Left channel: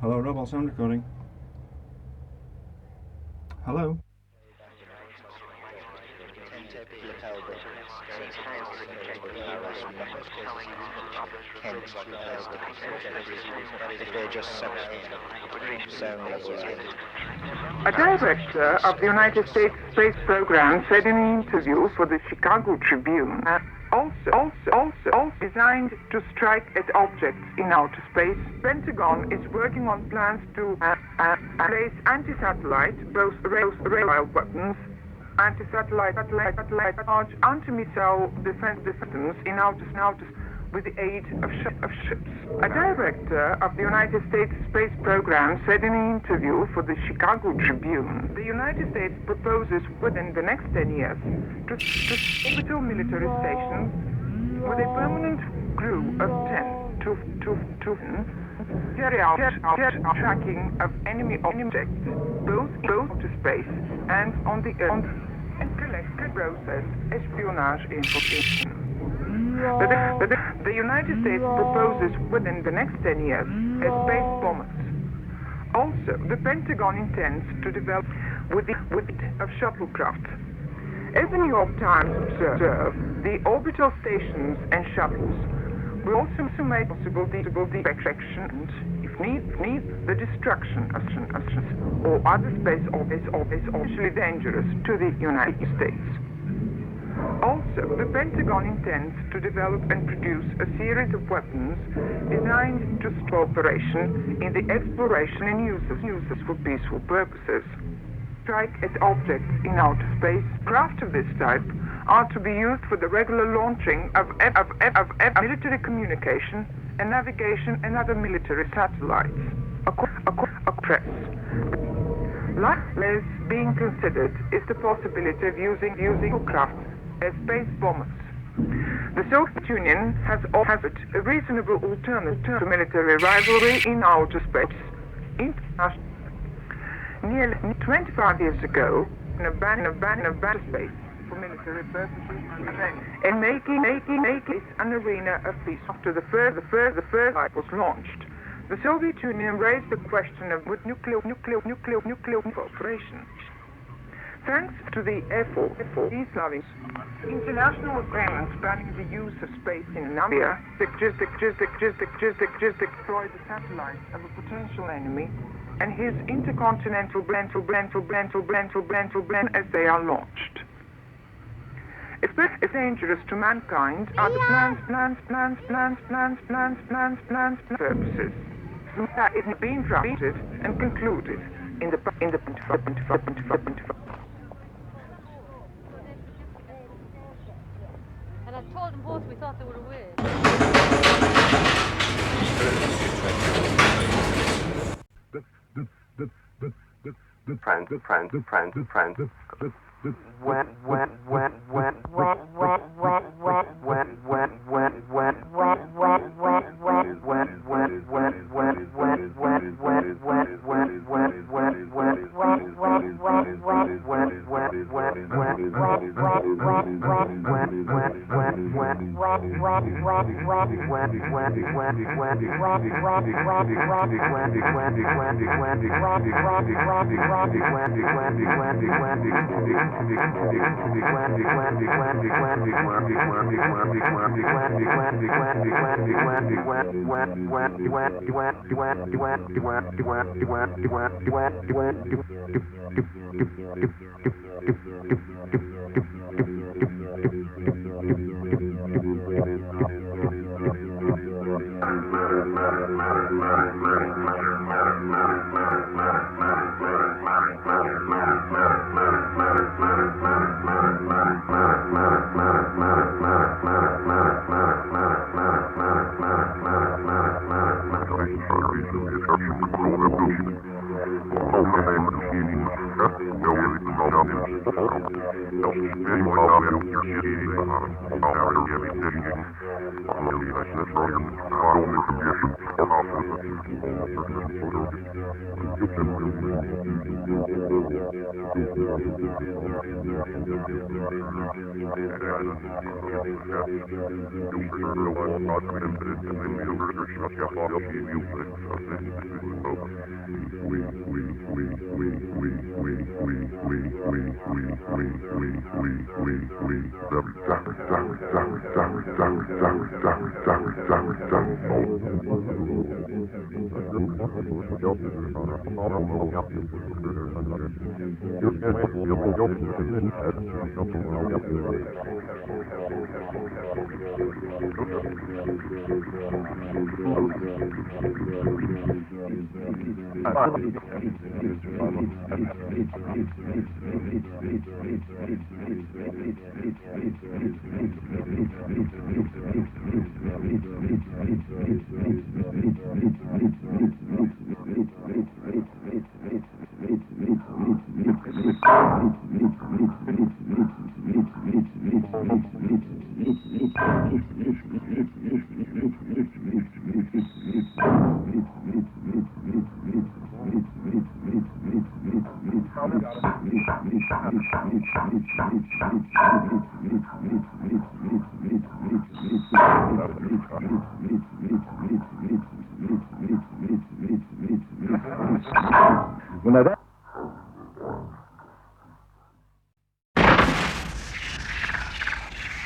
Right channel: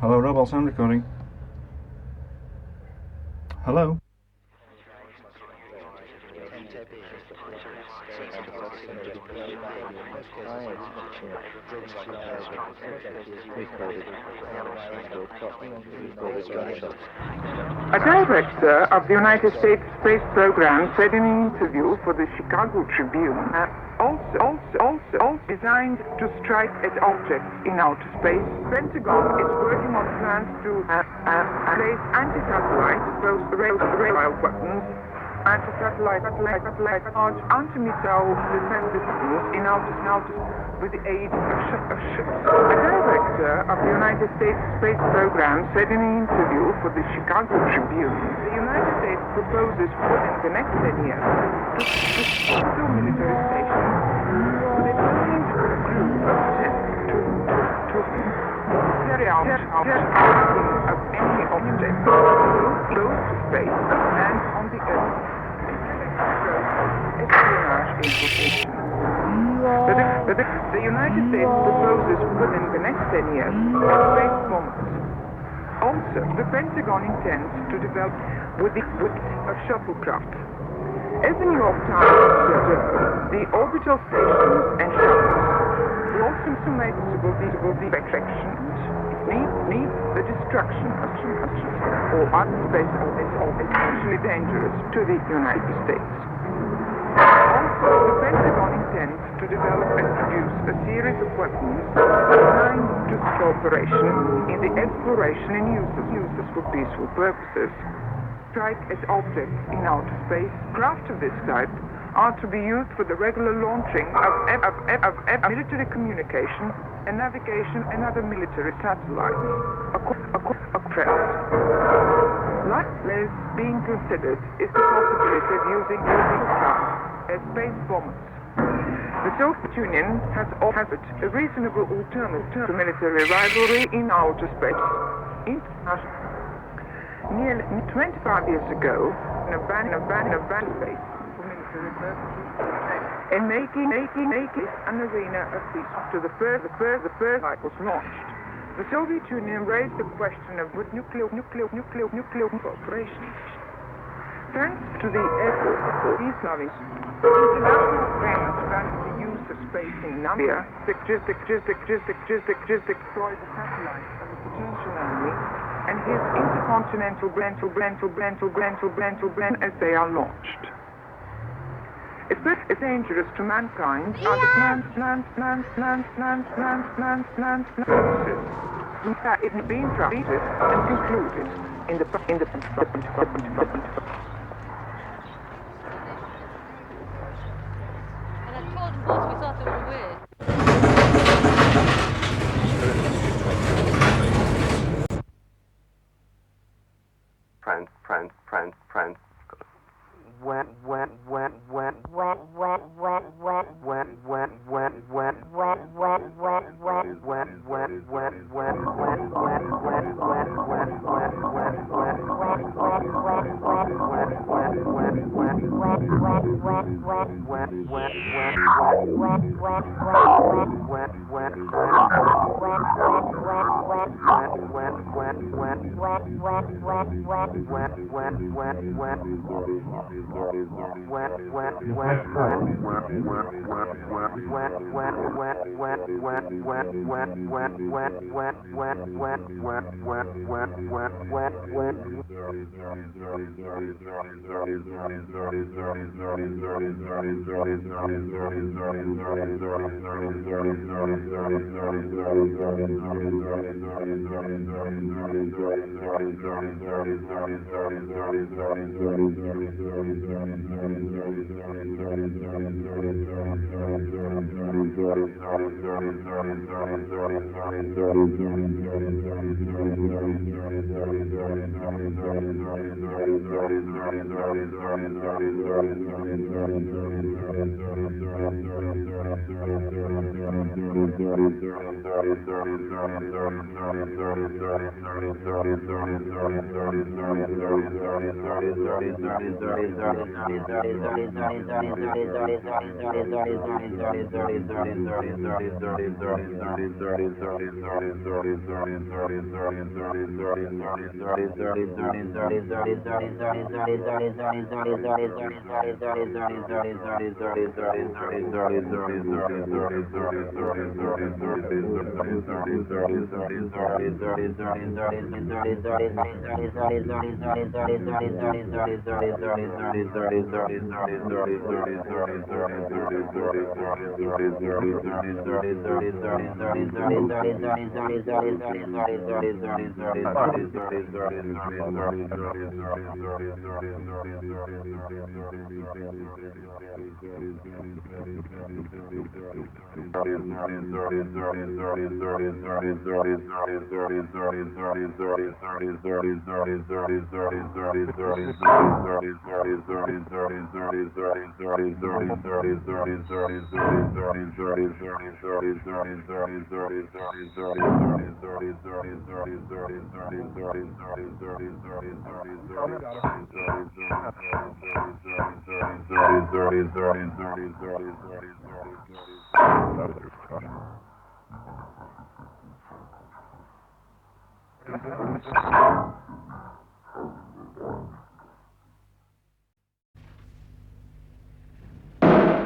Hello, Robolized Recording. Hello. A director of the United States Space Program said in an interview for the Chicago Tribune that also designed to strike at objects in outer space, Pentagon is working on plans to raise anti-satellite, radar weapons, and satellite launch anti-missile defenses in outer with the aid of ships. A director of the United States Space Program said in an interview for the Chicago Tribune, the United States proposes in the next 10 years carry out testing of any object close to space and on the Earth. The United States proposes within the next 10 years space forms. Also, the Pentagon intends to develop a shuttlecraft. As we know time, the orbital stations and shuttles will also informate will be perfections. Need the destruction or outer space is especially dangerous to the United States. Also, the Pentagon intends to develop and use a series of weapons designed to cooperation in the exploration and use for peaceful purposes. Strike at objects in outer space, craft of this type are to be used for the regular launching of military communication and navigation and other military satellites. What is being considered is the possibility of using craft as space bombs. The Soviet Union has ordered a reasonable military rivalry in outer space. Nearly 25 years ago, an abandoned base, and making an arena of peace after the first fight was launched. The Soviet Union raised the question of nuclear operations. Thanks to the efforts of these countries, international plans started the use of space in Navia, explored satellites of the potential enemy, and use intercontinental blend as they are launched. It's very dangerous to mankind purposes. In fact, it's being drafted and included in the And I told them both we thought they were weird.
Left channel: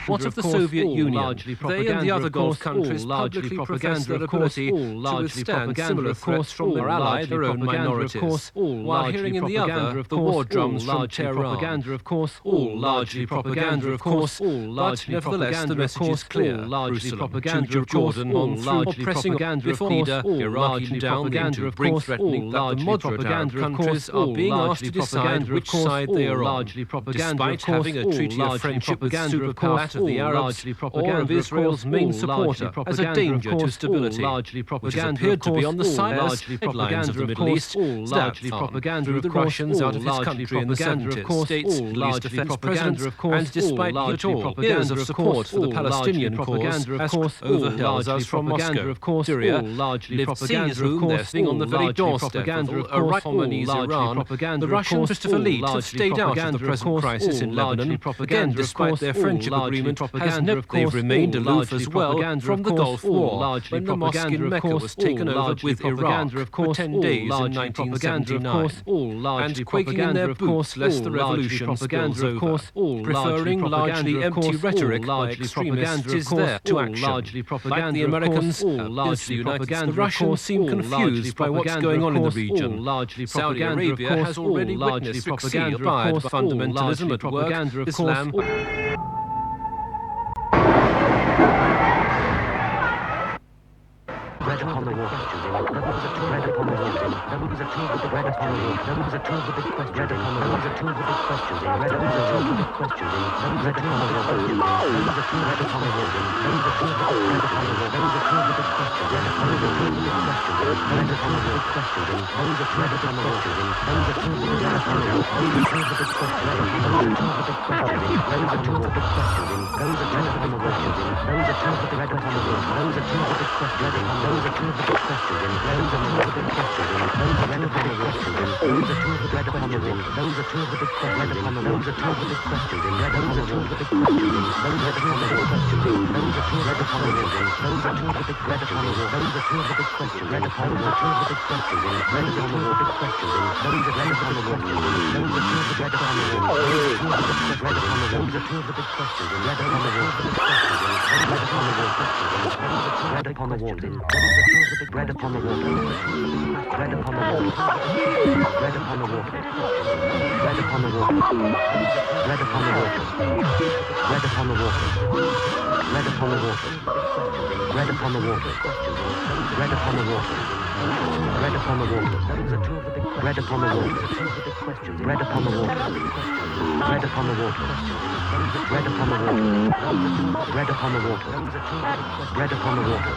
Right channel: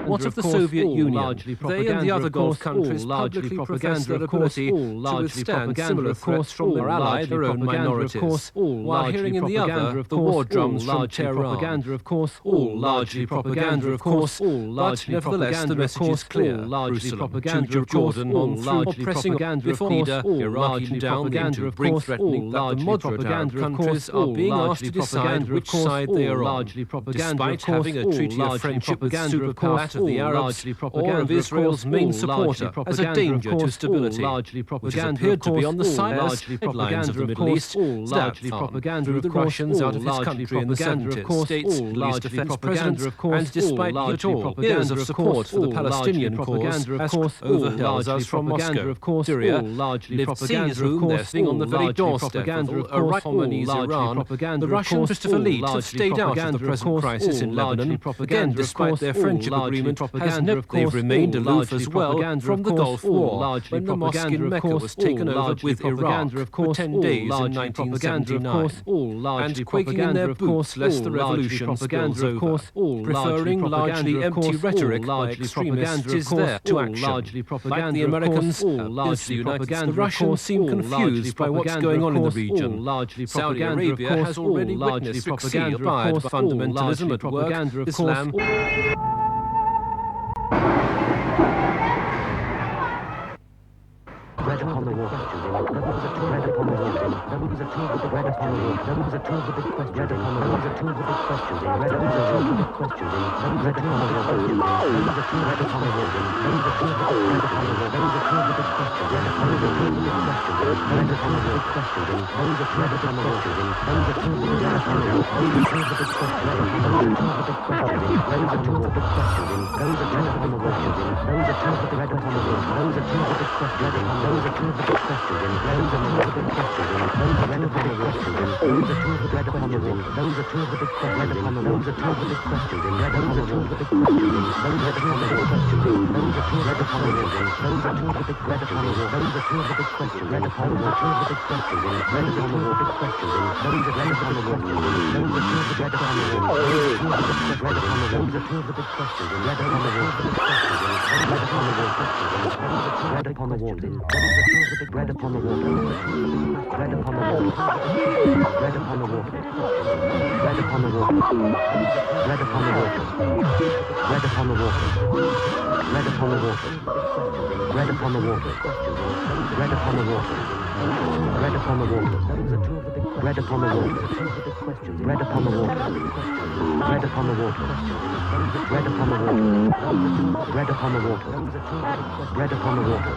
What of the Soviet Union? They and the other Gulf countries largely publicly propaganda, profess their of course, ability all to largely withstand propaganda, similar of threats course, from their all ally, largely their own propaganda, of minorities. course, all While largely hearing in the propaganda, other of the course, war drums all from largely Tehran. propaganda, of course, All largely propaganda, of course, all but largely nevertheless the propaganda, of message is course, clear. all largely Jerusalem, propaganda, Tunisia, of course, Jordan, all on through largely pressing propaganda, of before course, leader, all Iraq largely down propaganda, into of bring course, threatening all that the largely moderate Arab propaganda, of countries course, are all being asked largely to decide propaganda, which of course, side they all are on. largely propaganda, Despite of course, having a all treaty of largely friendship with propaganda, of superpower course, of the all Arabs largely or propaganda, of of Israel's course, main all largely supporter as a propaganda, of danger to course, all stability, largely which has propaganda, appeared of to be course, on the all sidelines largely headlines propaganda, of the of Middle course, East, all largely Staffan, propaganda, through of the course, Russians all out of his largely country in the propaganda, of 70s, course, states all Louis largely defense propaganda, presidents, of course, and despite all it largely all, propaganda, years of of support course, for the all largely Palestinian cause propaganda, of has course, all overheld largely us from propaganda, Moscow, of course, Syria, all largely lived propaganda, scenes of room there course, sitting on the all very largely doorstep propaganda, of of course, all Khomeini's largely Iran. propaganda, The of Russian course, Christopher all Lee have largely stayed out of the propaganda, of present course, crisis all in largely Lebanon. propaganda, Again, of despite course, their all friendship largely agreement, propaganda, of they've course, remained all aloof largely as well propaganda, from of the course, Gulf all War, largely when the mosque propaganda, in of Mecca course, was taken all over largely with Iraq propaganda, of for course, 10 all days in largely propaganda, of 1979, course, all largely and quaking in propaganda, their of course, boots lest all the largely revolution propaganda, spills of over, course, all preferring largely largely empty propaganda, rhetoric by largely extremists propaganda, of is course, there to all action. largely propaganda, Like the of course, Americans all have largely the United States, propaganda, the of Russians course, seem all largely confused by what's propaganda, going of on in the course, all region. largely Saudi propaganda, of Arabia course, has all already largely witnessed propaganda, succeed of by course, all fundamentalism largely at work, propaganda, of course, Islam. Bread upon the water. There was a two bread upon the water. There was a two of the bread upon the water. There was a two of the big questions. Bread upon the water. Two of the big questions. Bread upon the water. Big questions. There was a two of the big questions. There was a two bread upon the water. There was a two of the big bread upon the water. There was a two of the big questions. Bread upon the water. Two of the big questions. Bread upon the big questions. There was a two of the big questions. There was a two of the bread upon the water. There was a two of the big questions. There was a two of the big questions. There was a two of the big questions. There was a two of the big questions. There was a two of the bread upon the water. There was a two of the big questions. There was a two of the big questions. There was a two of the big questions. There was a bread upon the water. There was a two of the bread upon the water. There was a two of the big questions. There was a two of the big questions. There was a two of the big questions. There was a two of the big questions. There was a two of bread upon the water. There was a two of the big bread upon the water. There was a two of the big questions. Bread upon the water. Two of the big questions. Bread upon the water. Big questions. There was a bread upon the water. There was a two of the bread upon the water. There was a two of the big bread upon the water. There was a two of the big questions. Bread upon the water. Big questions. Bread upon the water. Bread upon the water. There was a two of the big bread upon the water. Bread upon the water. Bread upon the water. Bread upon the water. Bread upon the water. Bread upon the water. Bread upon the water. Bread upon the water. Bread upon the water. Bread upon the water. Bread upon the water. Bread upon the water. Bread upon the water. Bread upon the water. Bread upon the water. Bread upon the water.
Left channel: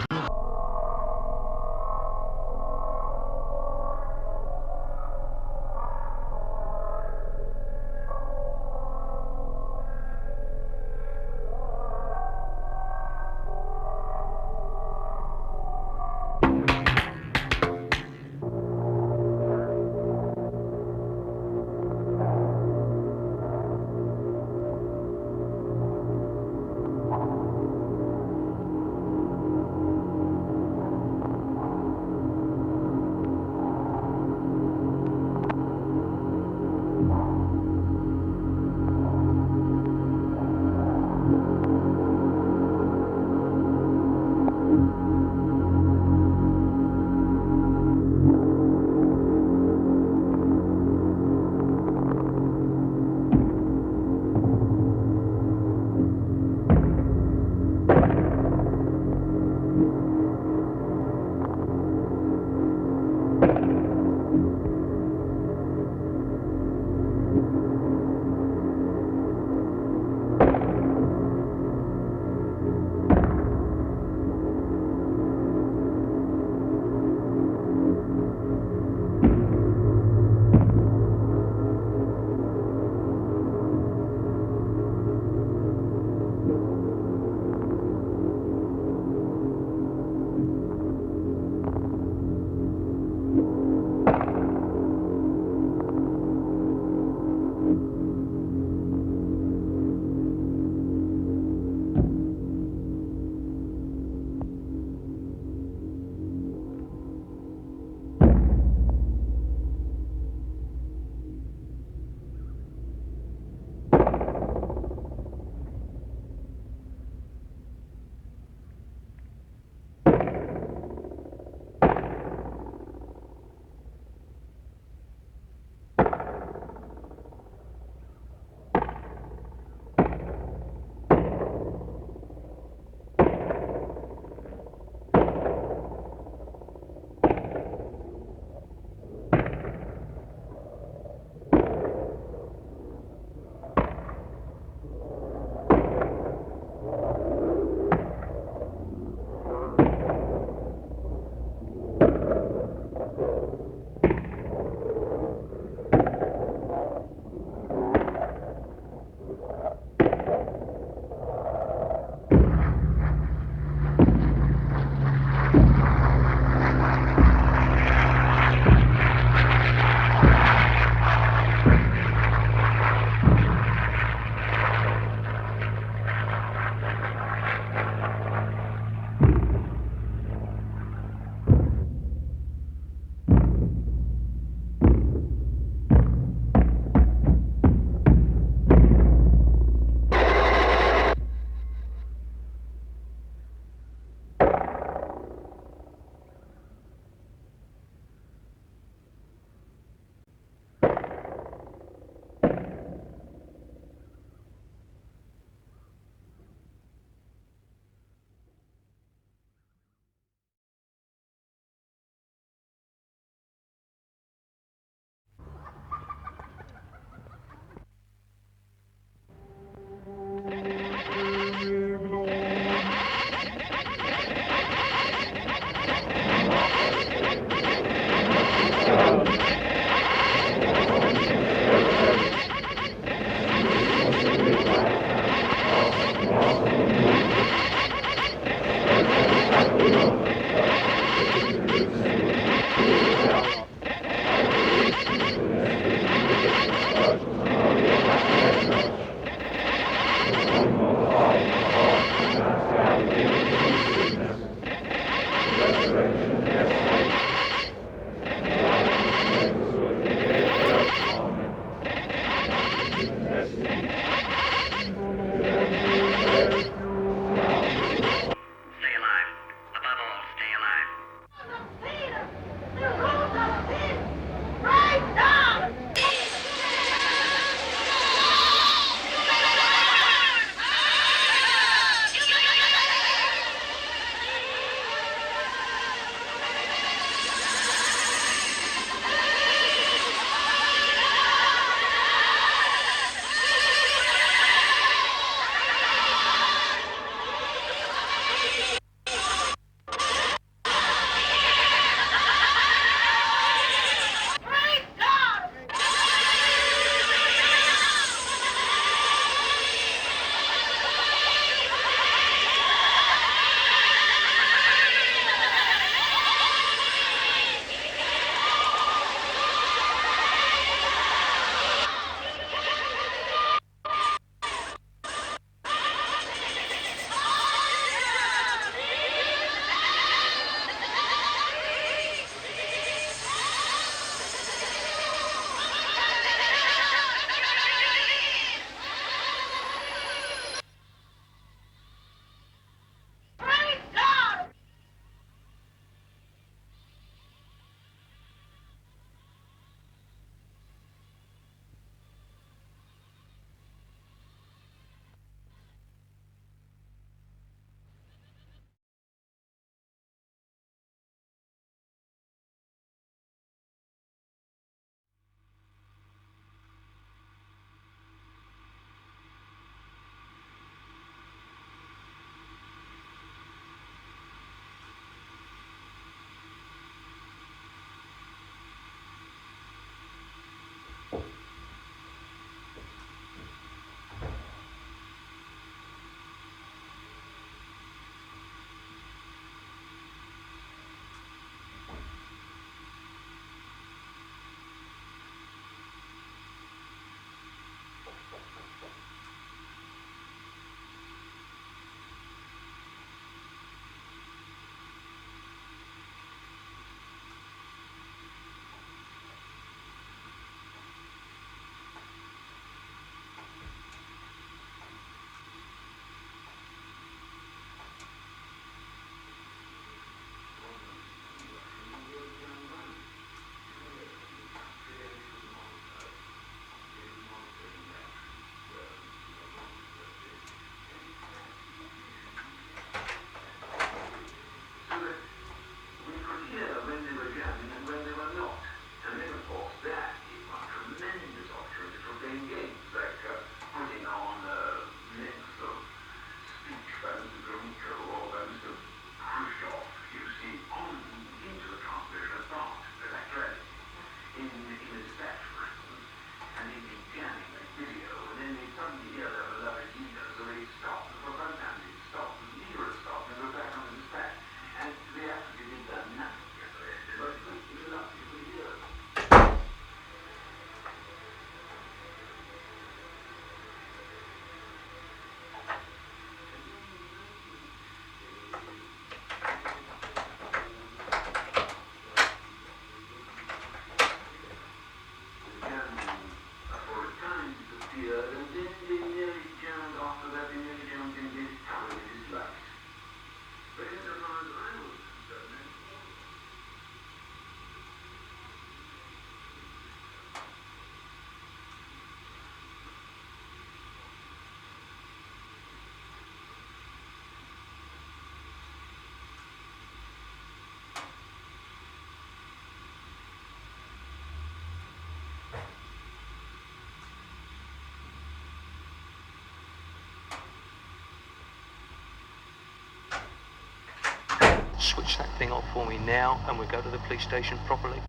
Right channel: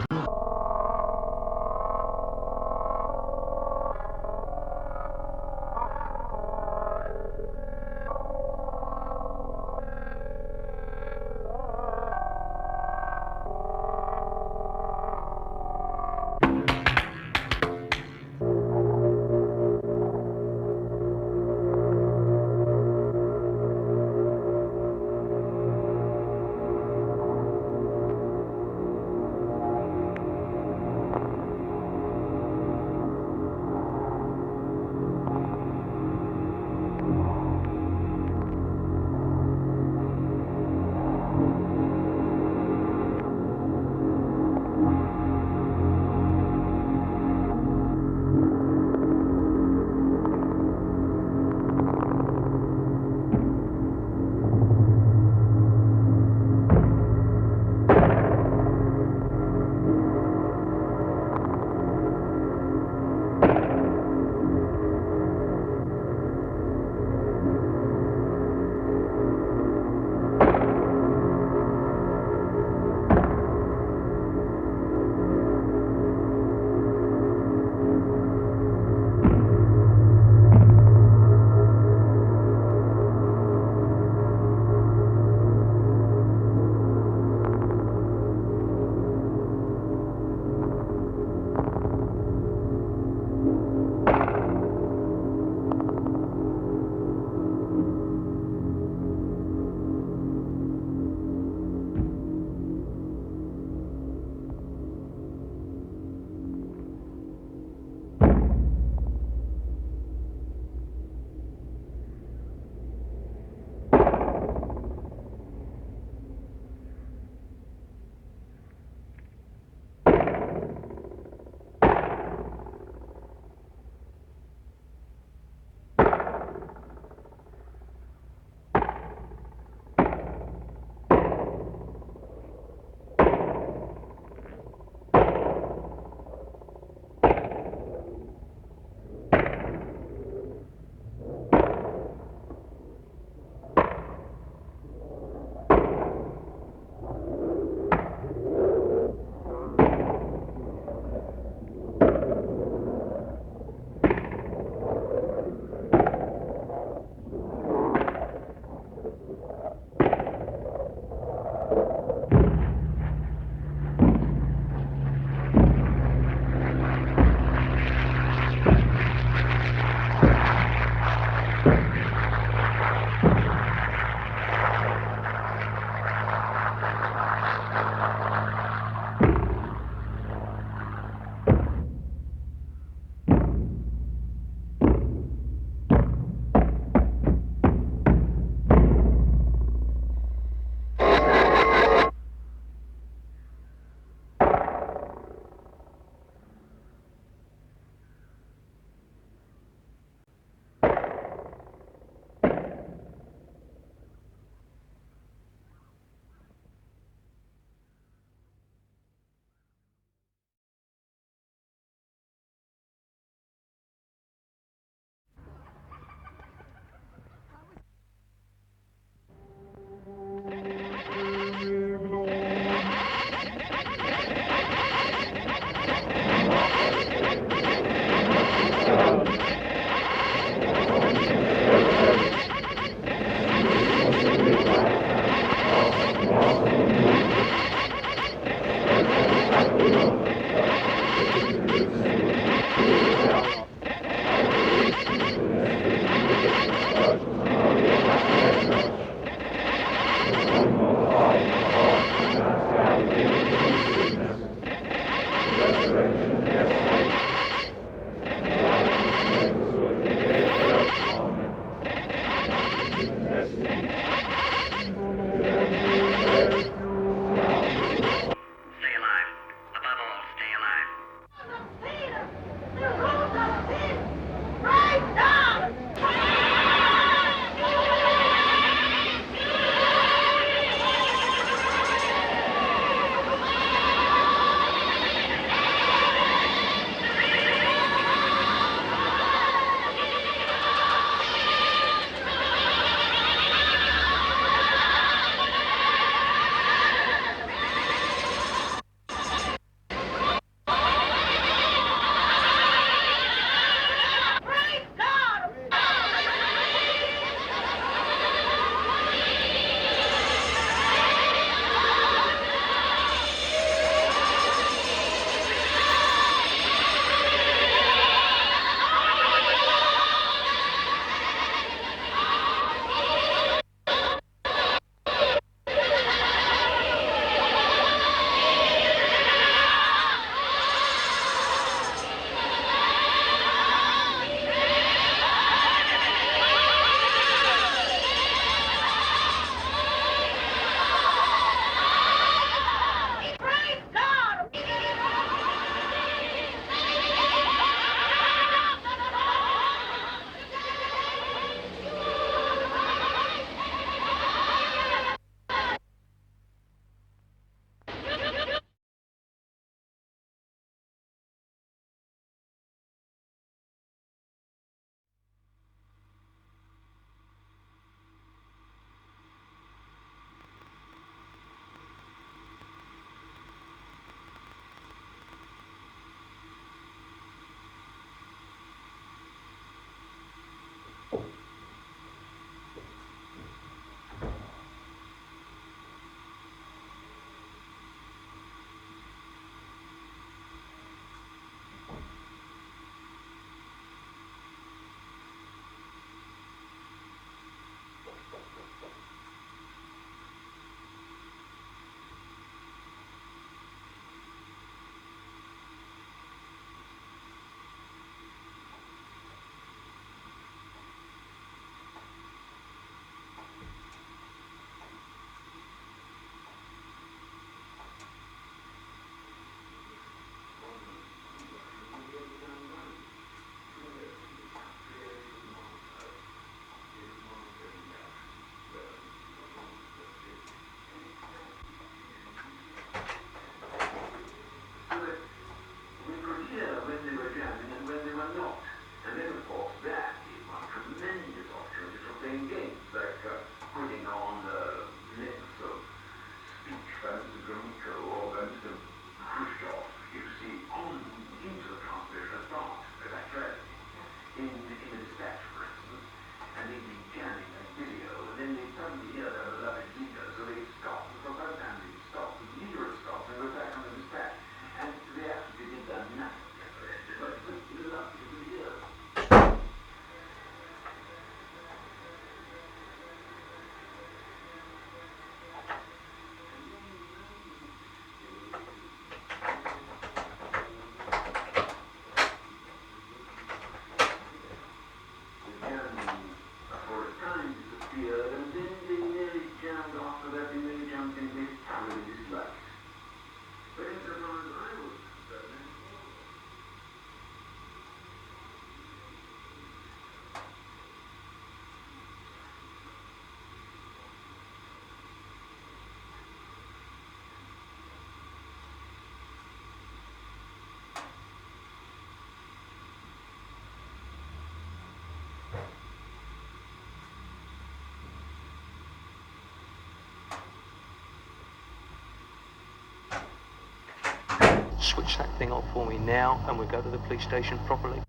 switch that thing off for me now, and we'll go to the police station properly.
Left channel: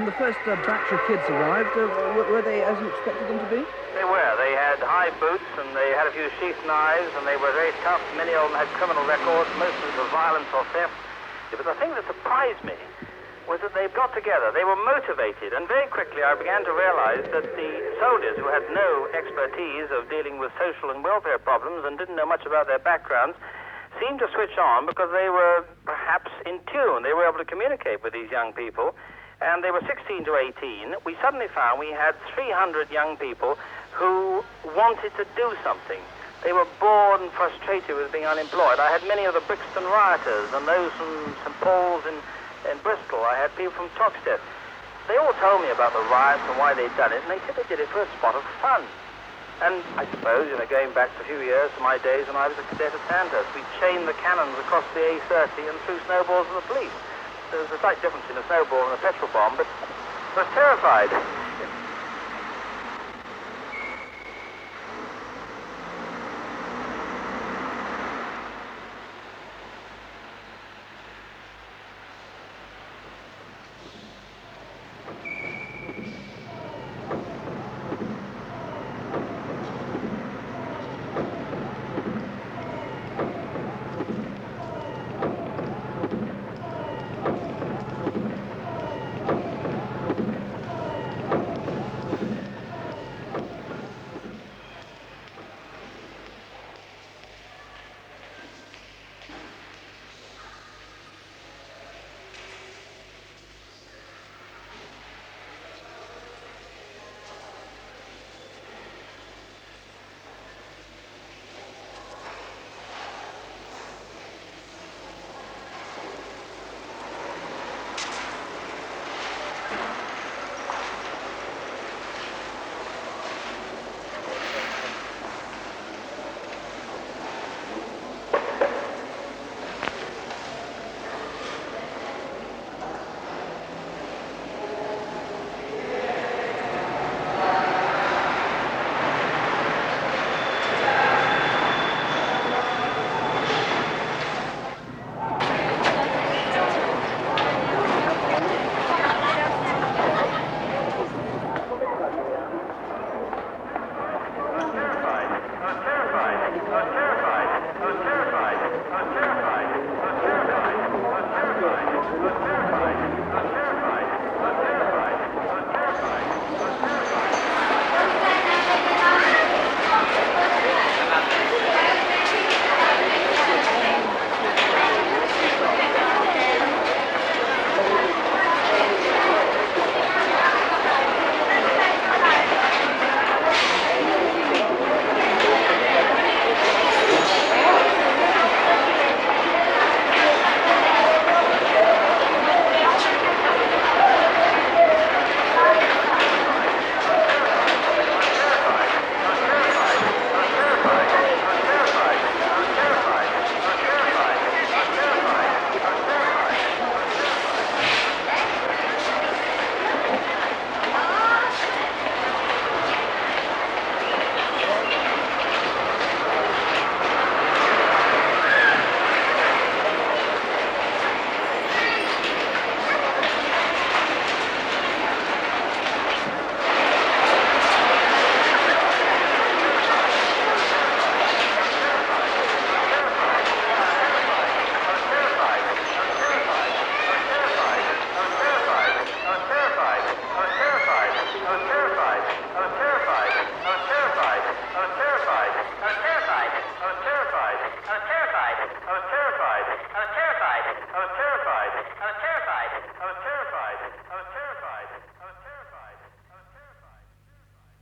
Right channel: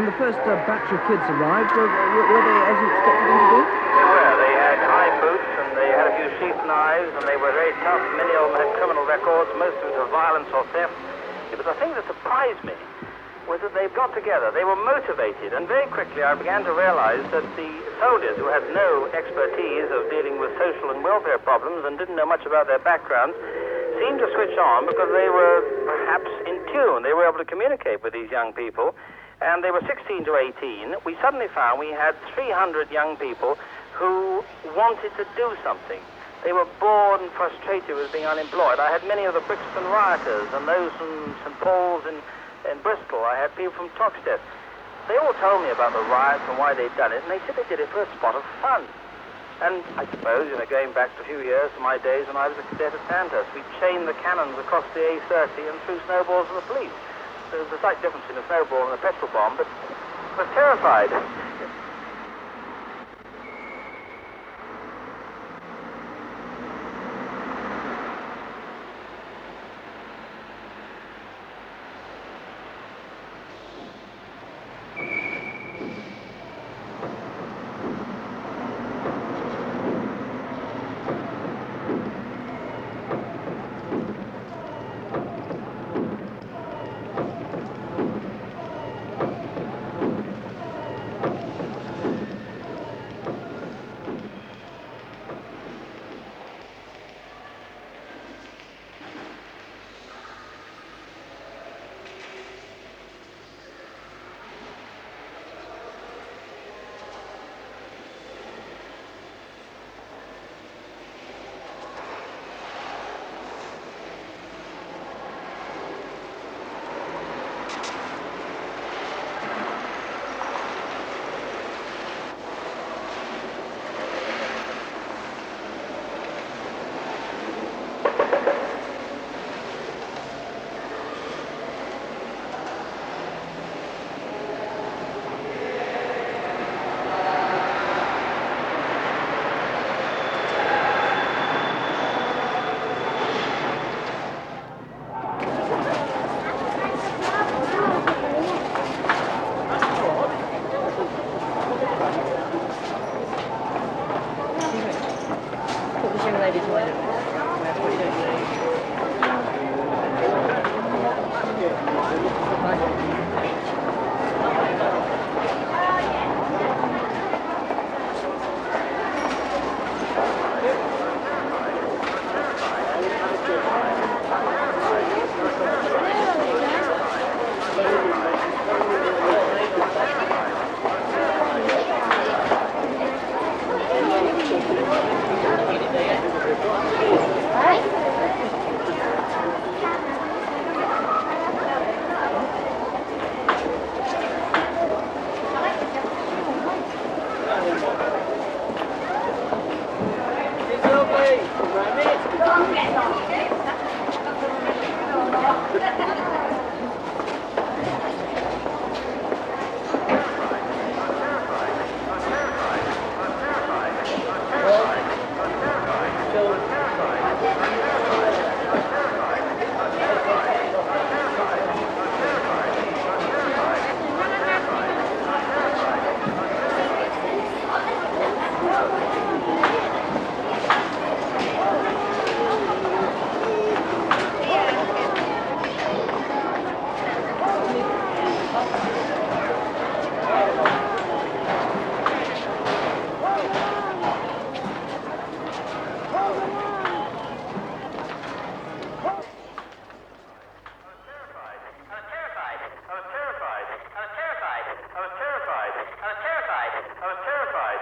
When the first batch of kids arrived, were they as you expected them to be? They were. They had high boots and they had a few sheath knives and they were very tough. Many of them had criminal records, most of them for violence or theft. But the thing that surprised me was that they got together. They were motivated, and very quickly I began to realize that the soldiers, who had no expertise of dealing with social and welfare problems and didn't know much about their backgrounds, seemed to switch on because they were perhaps in tune. They were able to communicate with these young people. And they were 16 to 18. We suddenly found we had 300 young people who wanted to do something. They were bored and frustrated with being unemployed. I had many of the Brixton rioters and those from St. Paul's in Bristol. I had people from Toxteth. They all told me about the riots and why they'd done it, and they said they did it for a spot of fun. And I suppose, going back a few years to my days when I was a cadet at Sandhurst, we chained the cannons across the A30 and threw snowballs at the police. There was a slight difference in a snowball and a petrol bomb, but I was terrified.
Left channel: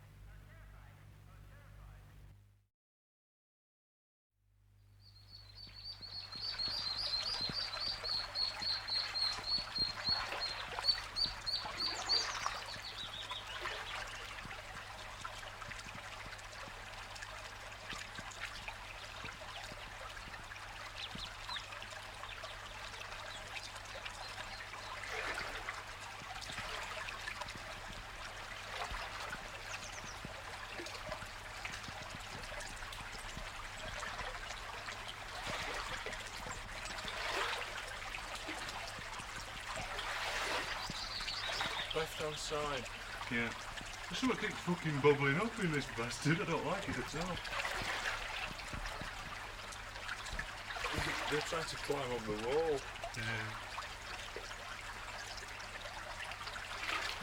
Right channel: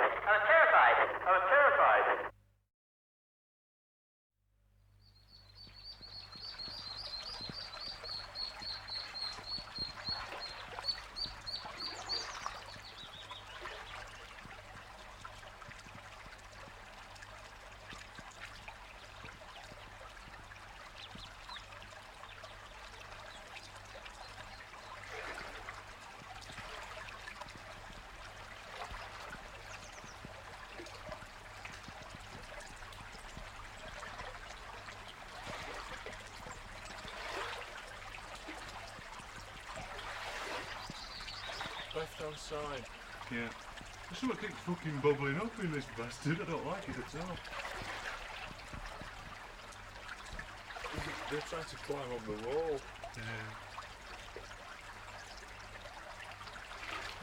I was terrified. Left hand side. Yeah. There's something keeps fucking bubbling up in this bastard. I don't like it at all. They're trying to climb up the wall. Yeah.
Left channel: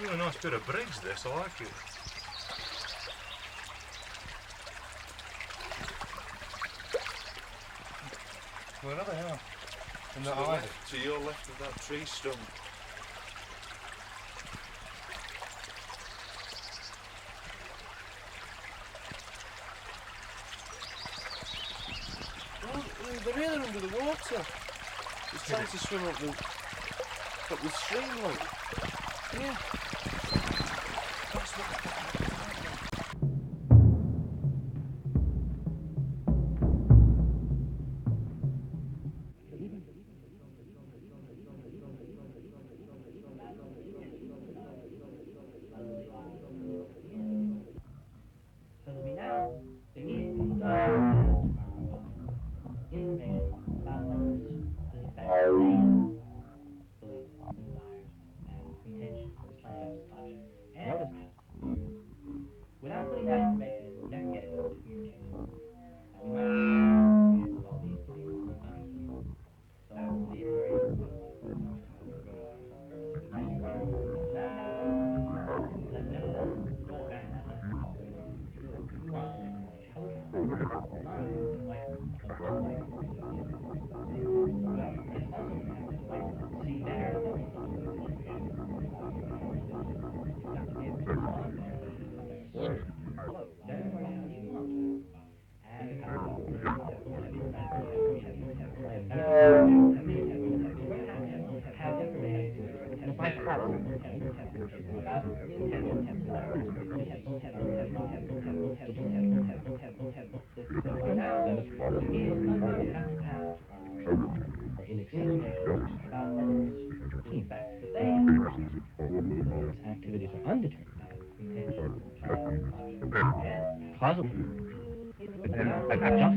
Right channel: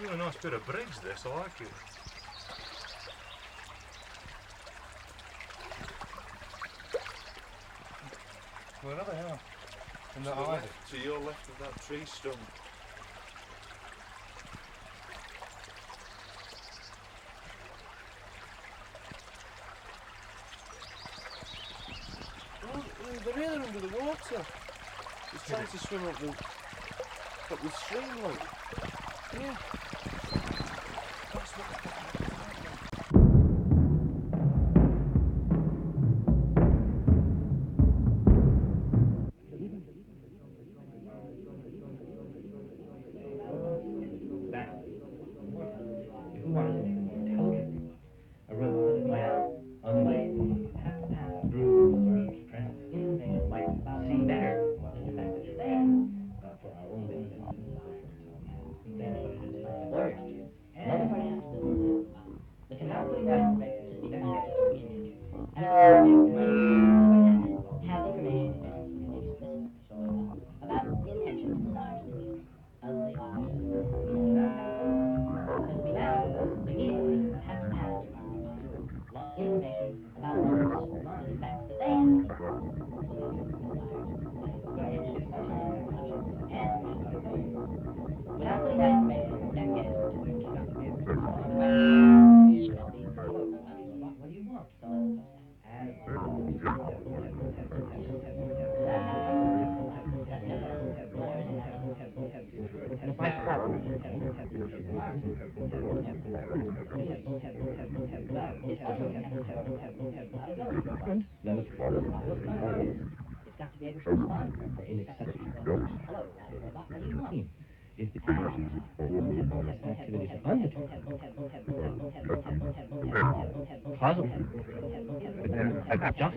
Really nice bit of bridge this, I like it. Where are they now? In To the the ivy. left, to your left of that tree stump. Oh, they're really under the water. He's trying to swim up the stream, like. Yeah. That's what. Activities are undertaken. Puzzle. Just as hard.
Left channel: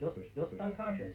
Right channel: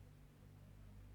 We're still unconscious.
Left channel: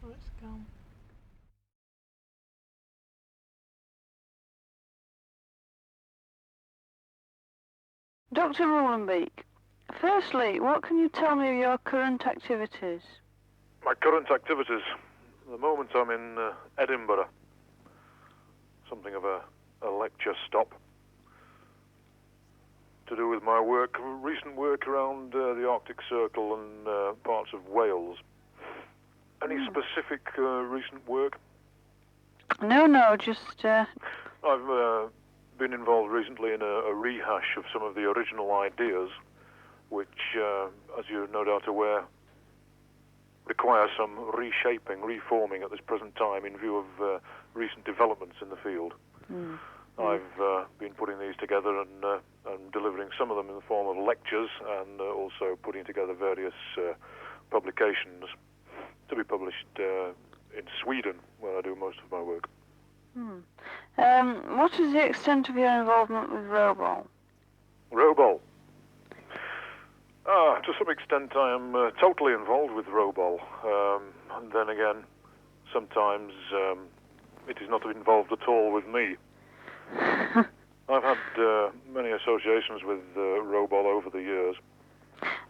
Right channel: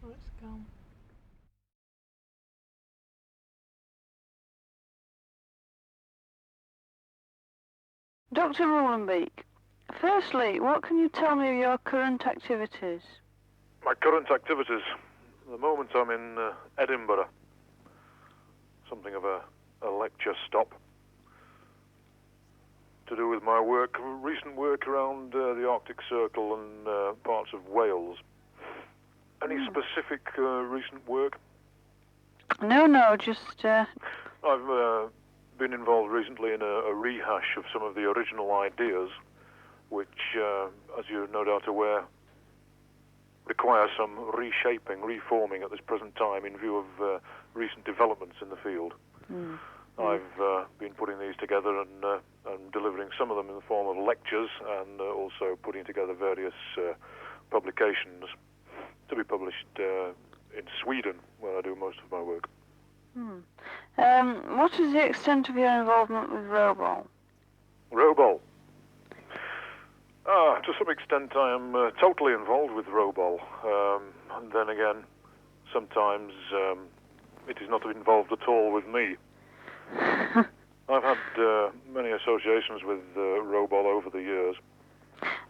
Let's go. Dr. Mullenbeek, firstly, what can you tell me of your current activities? My current activities? At the moment I'm in Edinburgh. Something of a lecture stop. To do with my work, recent work around the Arctic Circle and parts of Wales. Any specific recent work? No, just... I've been involved recently in a rehash of some of the original ideas, which, as you're no doubt aware, require some reshaping, reforming at this present time in view of recent developments in the field. I've been putting these together and delivering some of them in the form of lectures and also putting together various publications to be published in Sweden, where I do most of my work. What is the extent of your involvement with Robol? Robol? To some extent I am totally involved with Robol. And then again, sometimes it is not involved at all with me. I've had many associations with Robol over the years.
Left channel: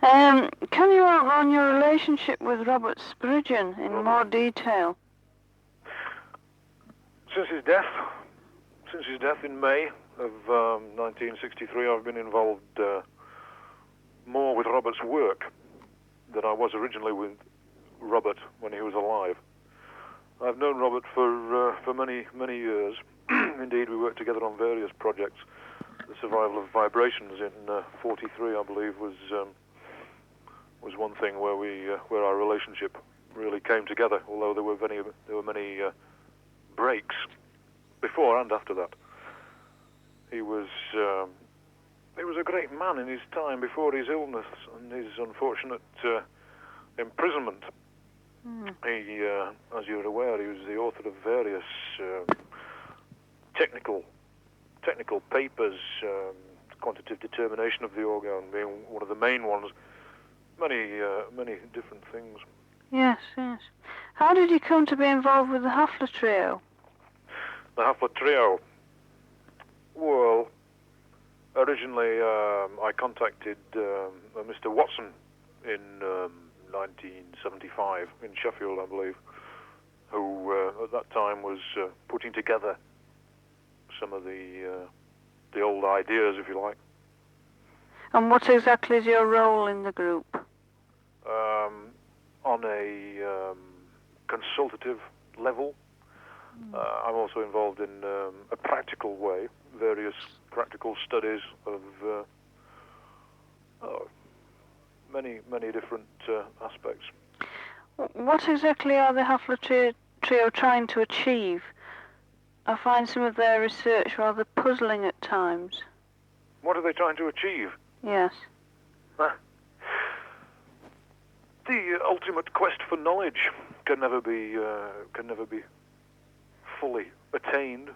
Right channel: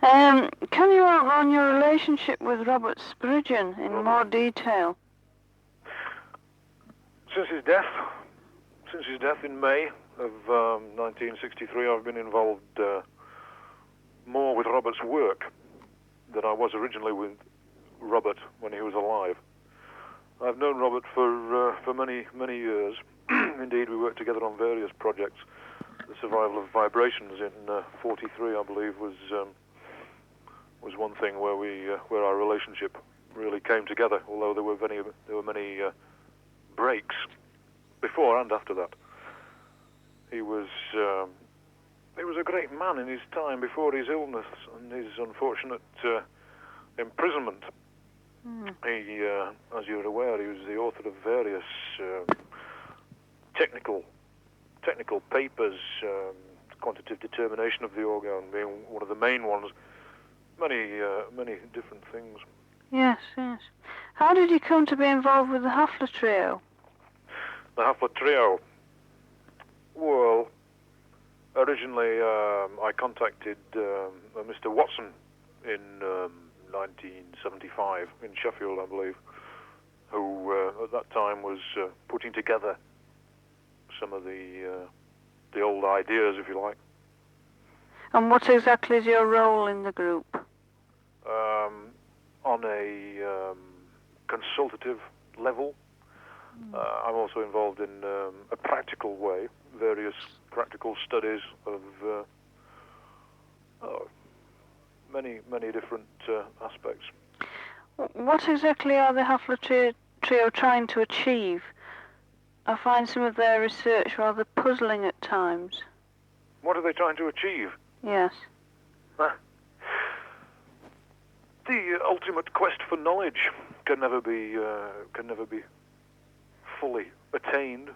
Can you outline your relationship with Robert Spurgeon in more detail? Since his death in May of 1963, I've been involved more with Robert's work than I was originally with Robert when he was alive. I've known Robert for many years. Indeed, we worked together on various projects. The survival of vibrations in '43, I believe, was one thing where our relationship really came together. Although there were many breaks before and after that. He was a great man in his time before his illness and his unfortunate imprisonment. He, as you're aware, he was the author of various technical papers, quantitative determination of the organ being one of the main ones. Many different things. Yes. How did you come to be involved with the Hafler Trio? The Hafler Trio? Well, originally I contacted Mr. Watson in 1975 in Sheffield, I believe, who at that time was putting together some of the the old ideas, if you like. And what exactly is your role in the group? On a consultative level. I'm also involved in a practical way, various practical studies of many different aspects. What exactly are the Hafler Trio trying to achieve? I find some of their research rather puzzling at times. What are they trying to achieve? Yes. The ultimate quest for knowledge can never be fully attained.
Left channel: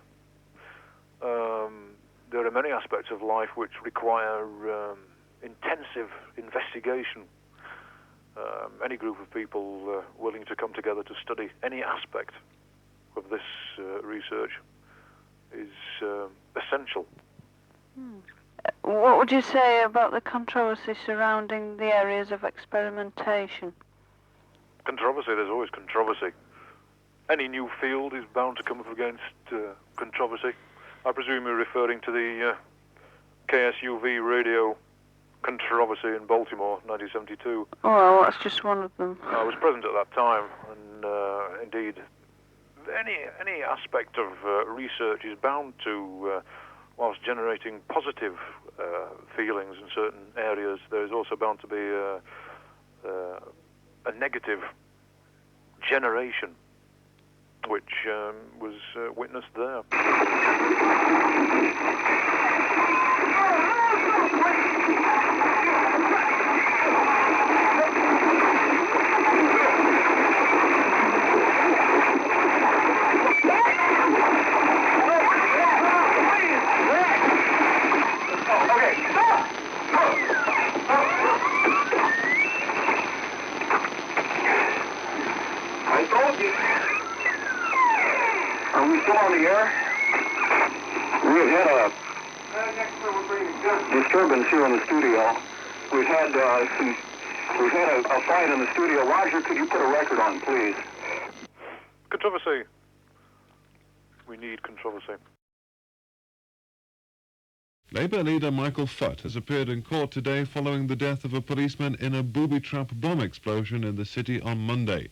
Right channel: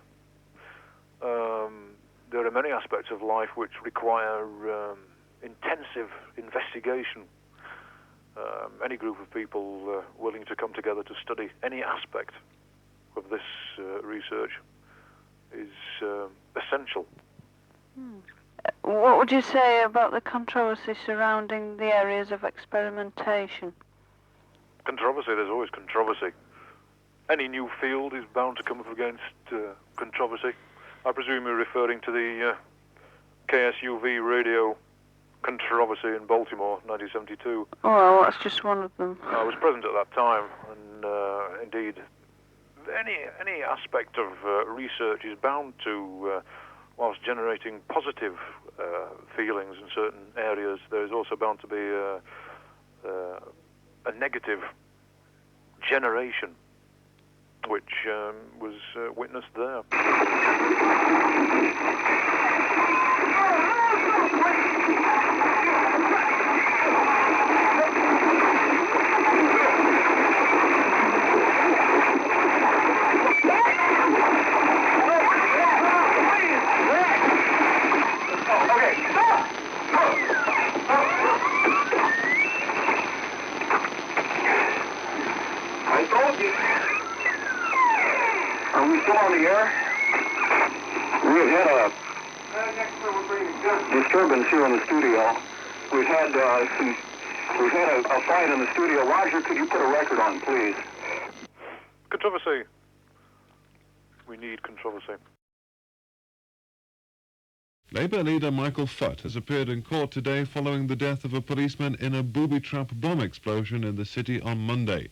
There are many aspects of life which require intensive investigation. Any group of people willing to come together to study any aspect of this research is essential. What would you say about the controversy surrounding the areas of experimentation? Controversy, there's always controversy. Any new field is bound to come up against controversy. I presume you're referring to the KSUV radio controversy in Baltimore, 1972. Oh, well, that's just one of them. I was present at that time, and indeed, any aspect of research is bound to, whilst generating positive feelings in certain areas, there is also bound to be a negative generation, which was witnessed there. Are we still on the air? We've had a disturbance here in the studio. We've had a fight in the studio. Roger, could you put a record on, please? Controversy. We need controversy. Labour leader Michael Foot has appeared in court today following the death of a policeman in a booby-trap bomb explosion in the city on Monday.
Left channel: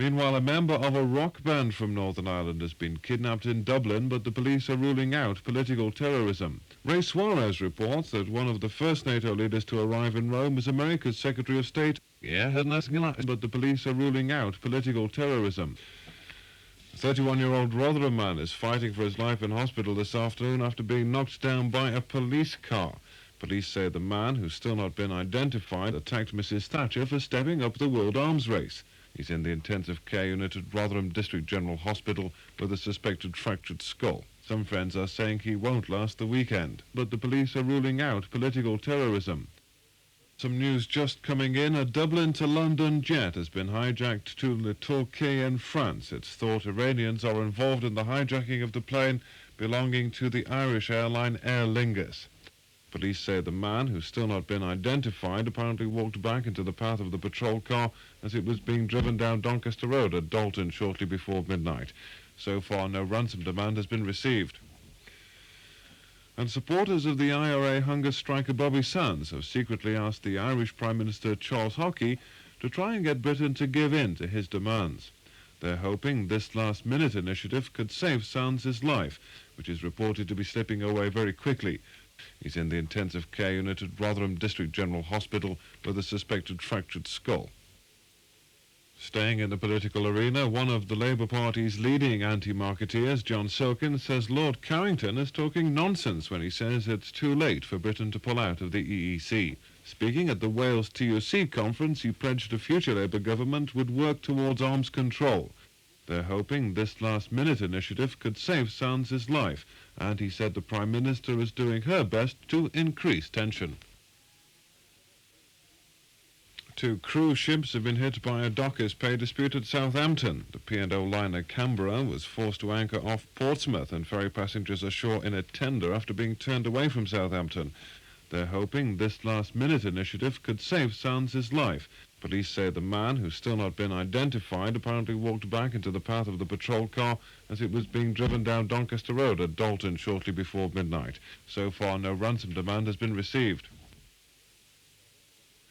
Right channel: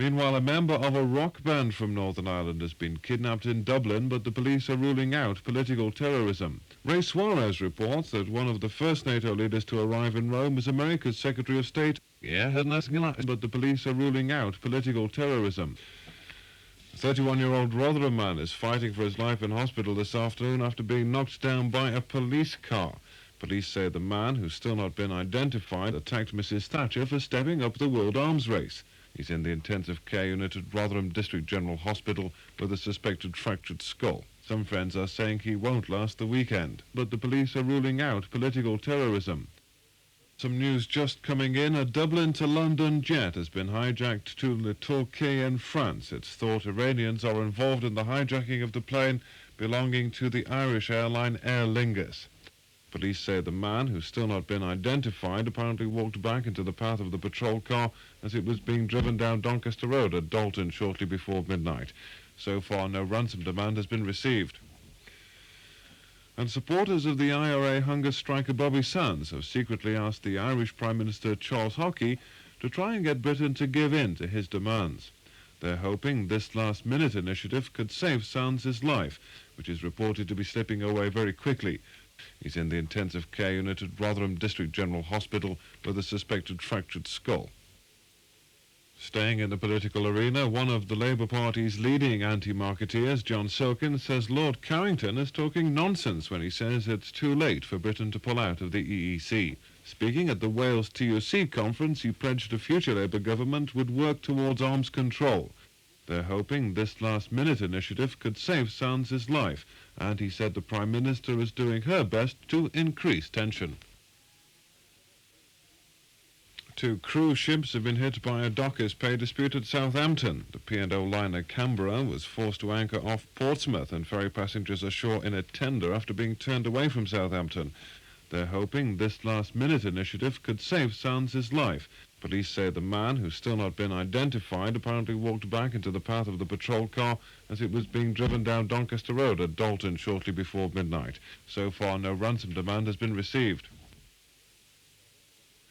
Meanwhile, a member of a rock band from Northern Ireland has been kidnapped in Dublin, but the police are ruling out political terrorism. Ray Suarez reports that one of the first NATO leaders to arrive in Rome was America's Secretary of State. But the police are ruling out political terrorism. A 31-year-old Rotherham man is fighting for his life in hospital this afternoon after being knocked down by a police car. Police say the man, who's still not been identified, attacked Mrs. Thatcher for stepping up the World Arms Race. He's in the intensive care unit at Rotherham District General Hospital with a suspected fractured skull. Some friends are saying he won't last the weekend, but the police are ruling out political terrorism. Some news just coming in. A Dublin to London jet has been hijacked to Le Touquet in France. It's thought Iranians are involved in the hijacking of the plane belonging to the Irish airline Aer Lingus. Police say the man, who's still not been identified, apparently walked back into the path of the patrol car as it was being driven down Doncaster Road at Dalton shortly before midnight. So far, no ransom demand has been received. And supporters of the IRA hunger striker Bobby Sands have secretly asked the Irish Prime Minister Charles Hockey to try and get Britain to give in to his demands. They're hoping this last-minute initiative could save Sands' life, which is reported to be slipping away very quickly. He's in the intensive care unit at Rotherham District General Hospital with a suspected fractured skull. Staying in the political arena, one of the Labour Party's leading anti-marketeers, John Silkin, says Lord Carrington is talking nonsense when he says it's too late for Britain to pull out of the EEC. Speaking at the Wales TUC conference, he pledged a future Labour government would work towards arms control. They're hoping this last-minute initiative could save Sands' life, and he said the Prime Minister is doing her best to increase tension. 2 cruise ships have been hit by a dockers' pay dispute at Southampton. The P&O liner Canberra was forced to anchor off Portsmouth and ferry passengers ashore in a tender after being turned away from Southampton. They're hoping this last-minute initiative could save Sands' life, Police say the man, who's still not been identified, apparently walked back into the path of the patrol car as it was being driven down Doncaster Road at Dalton shortly before midnight. So far, no ransom demand has been received.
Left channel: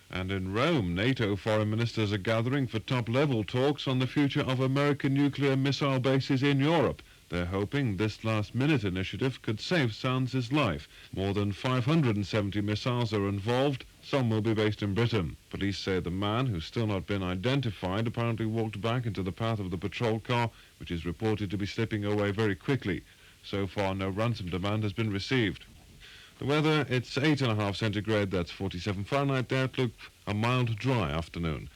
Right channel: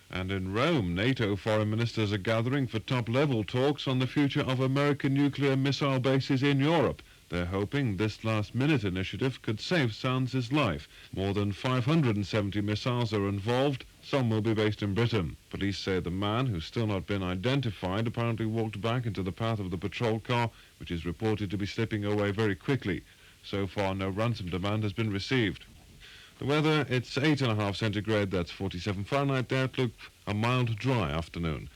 And in Rome, NATO foreign ministers are gathering for top-level talks on the future of American nuclear missile bases in Europe. They're hoping this last-minute initiative could save Sands' life. More than 570 missiles are involved. Some will be based in Britain. Police say the man, who's still not been identified, apparently walked back into the path of the patrol car, which is reported to be slipping away very quickly. So far, no ransom demand has been received. The weather, it's 8.5 centigrade, that's 47 Fahrenheit. The outlook, a mild, dry afternoon.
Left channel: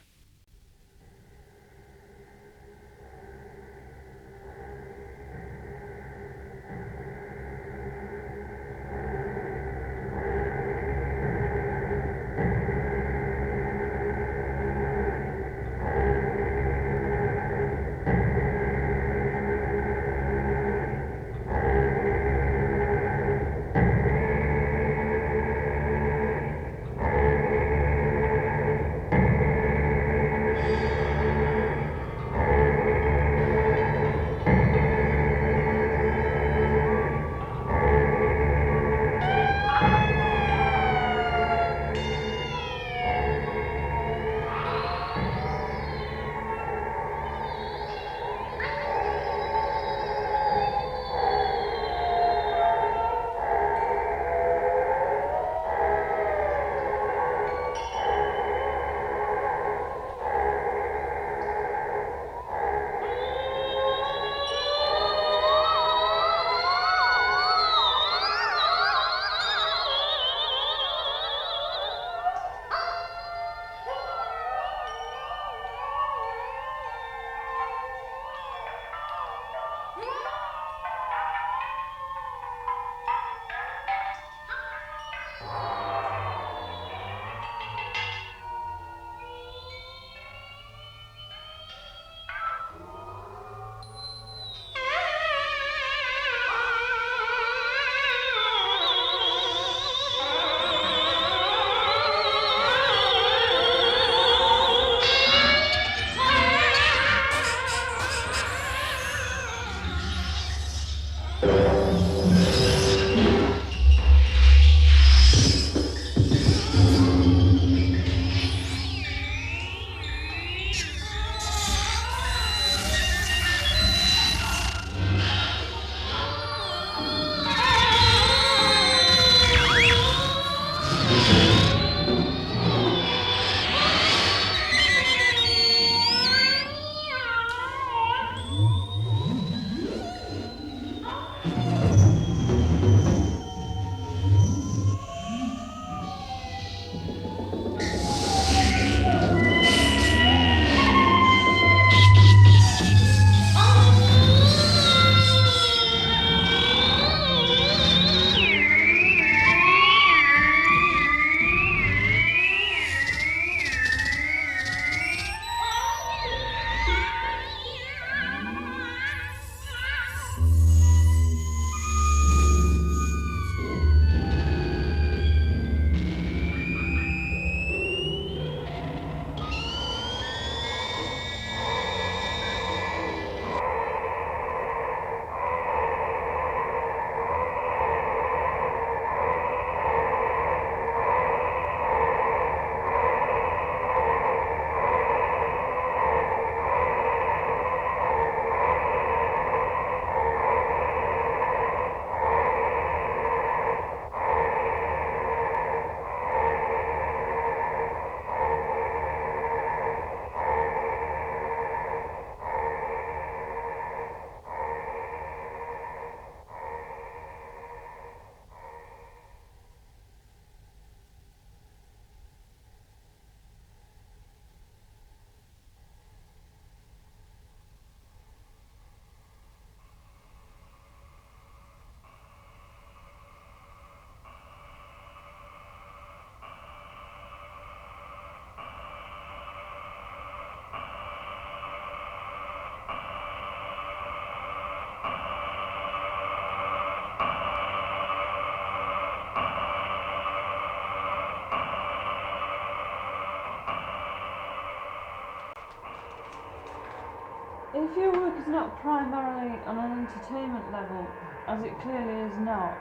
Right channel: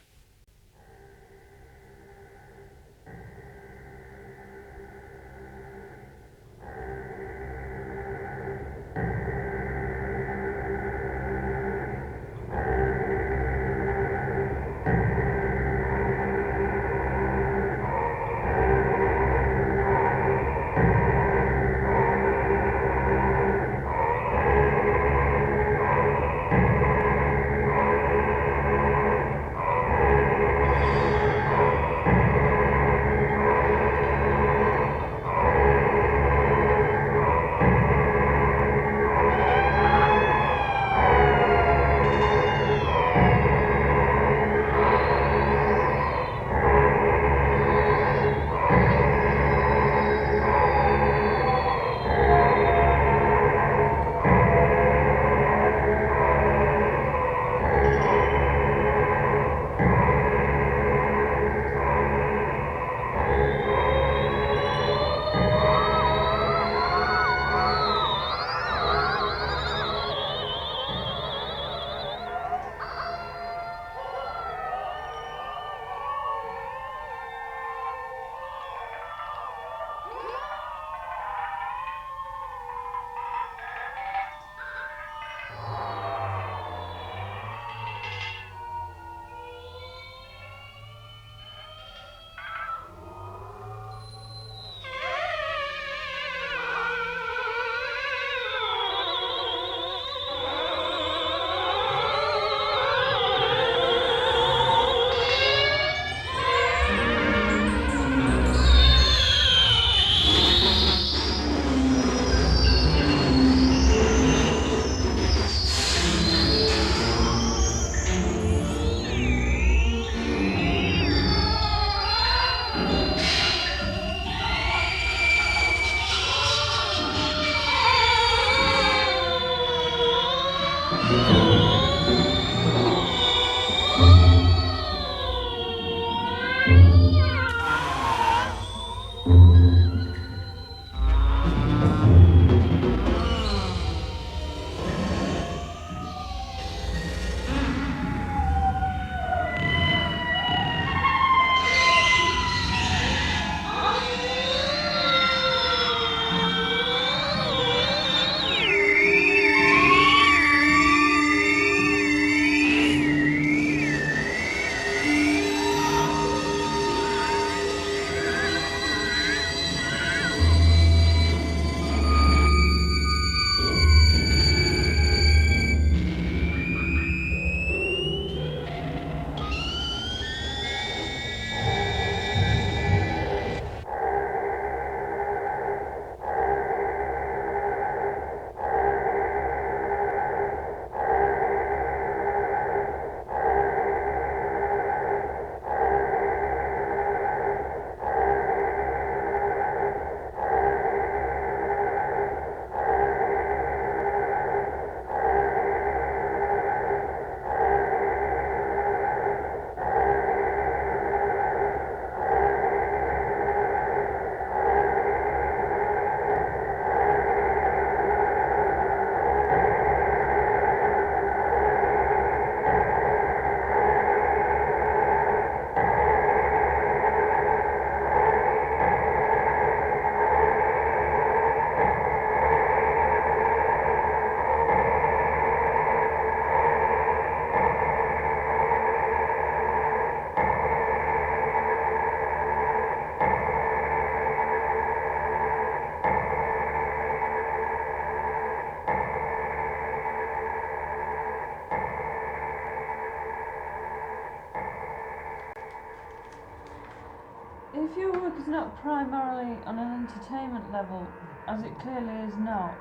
If your work is not primarily on an entertainment level, as it clearly is not,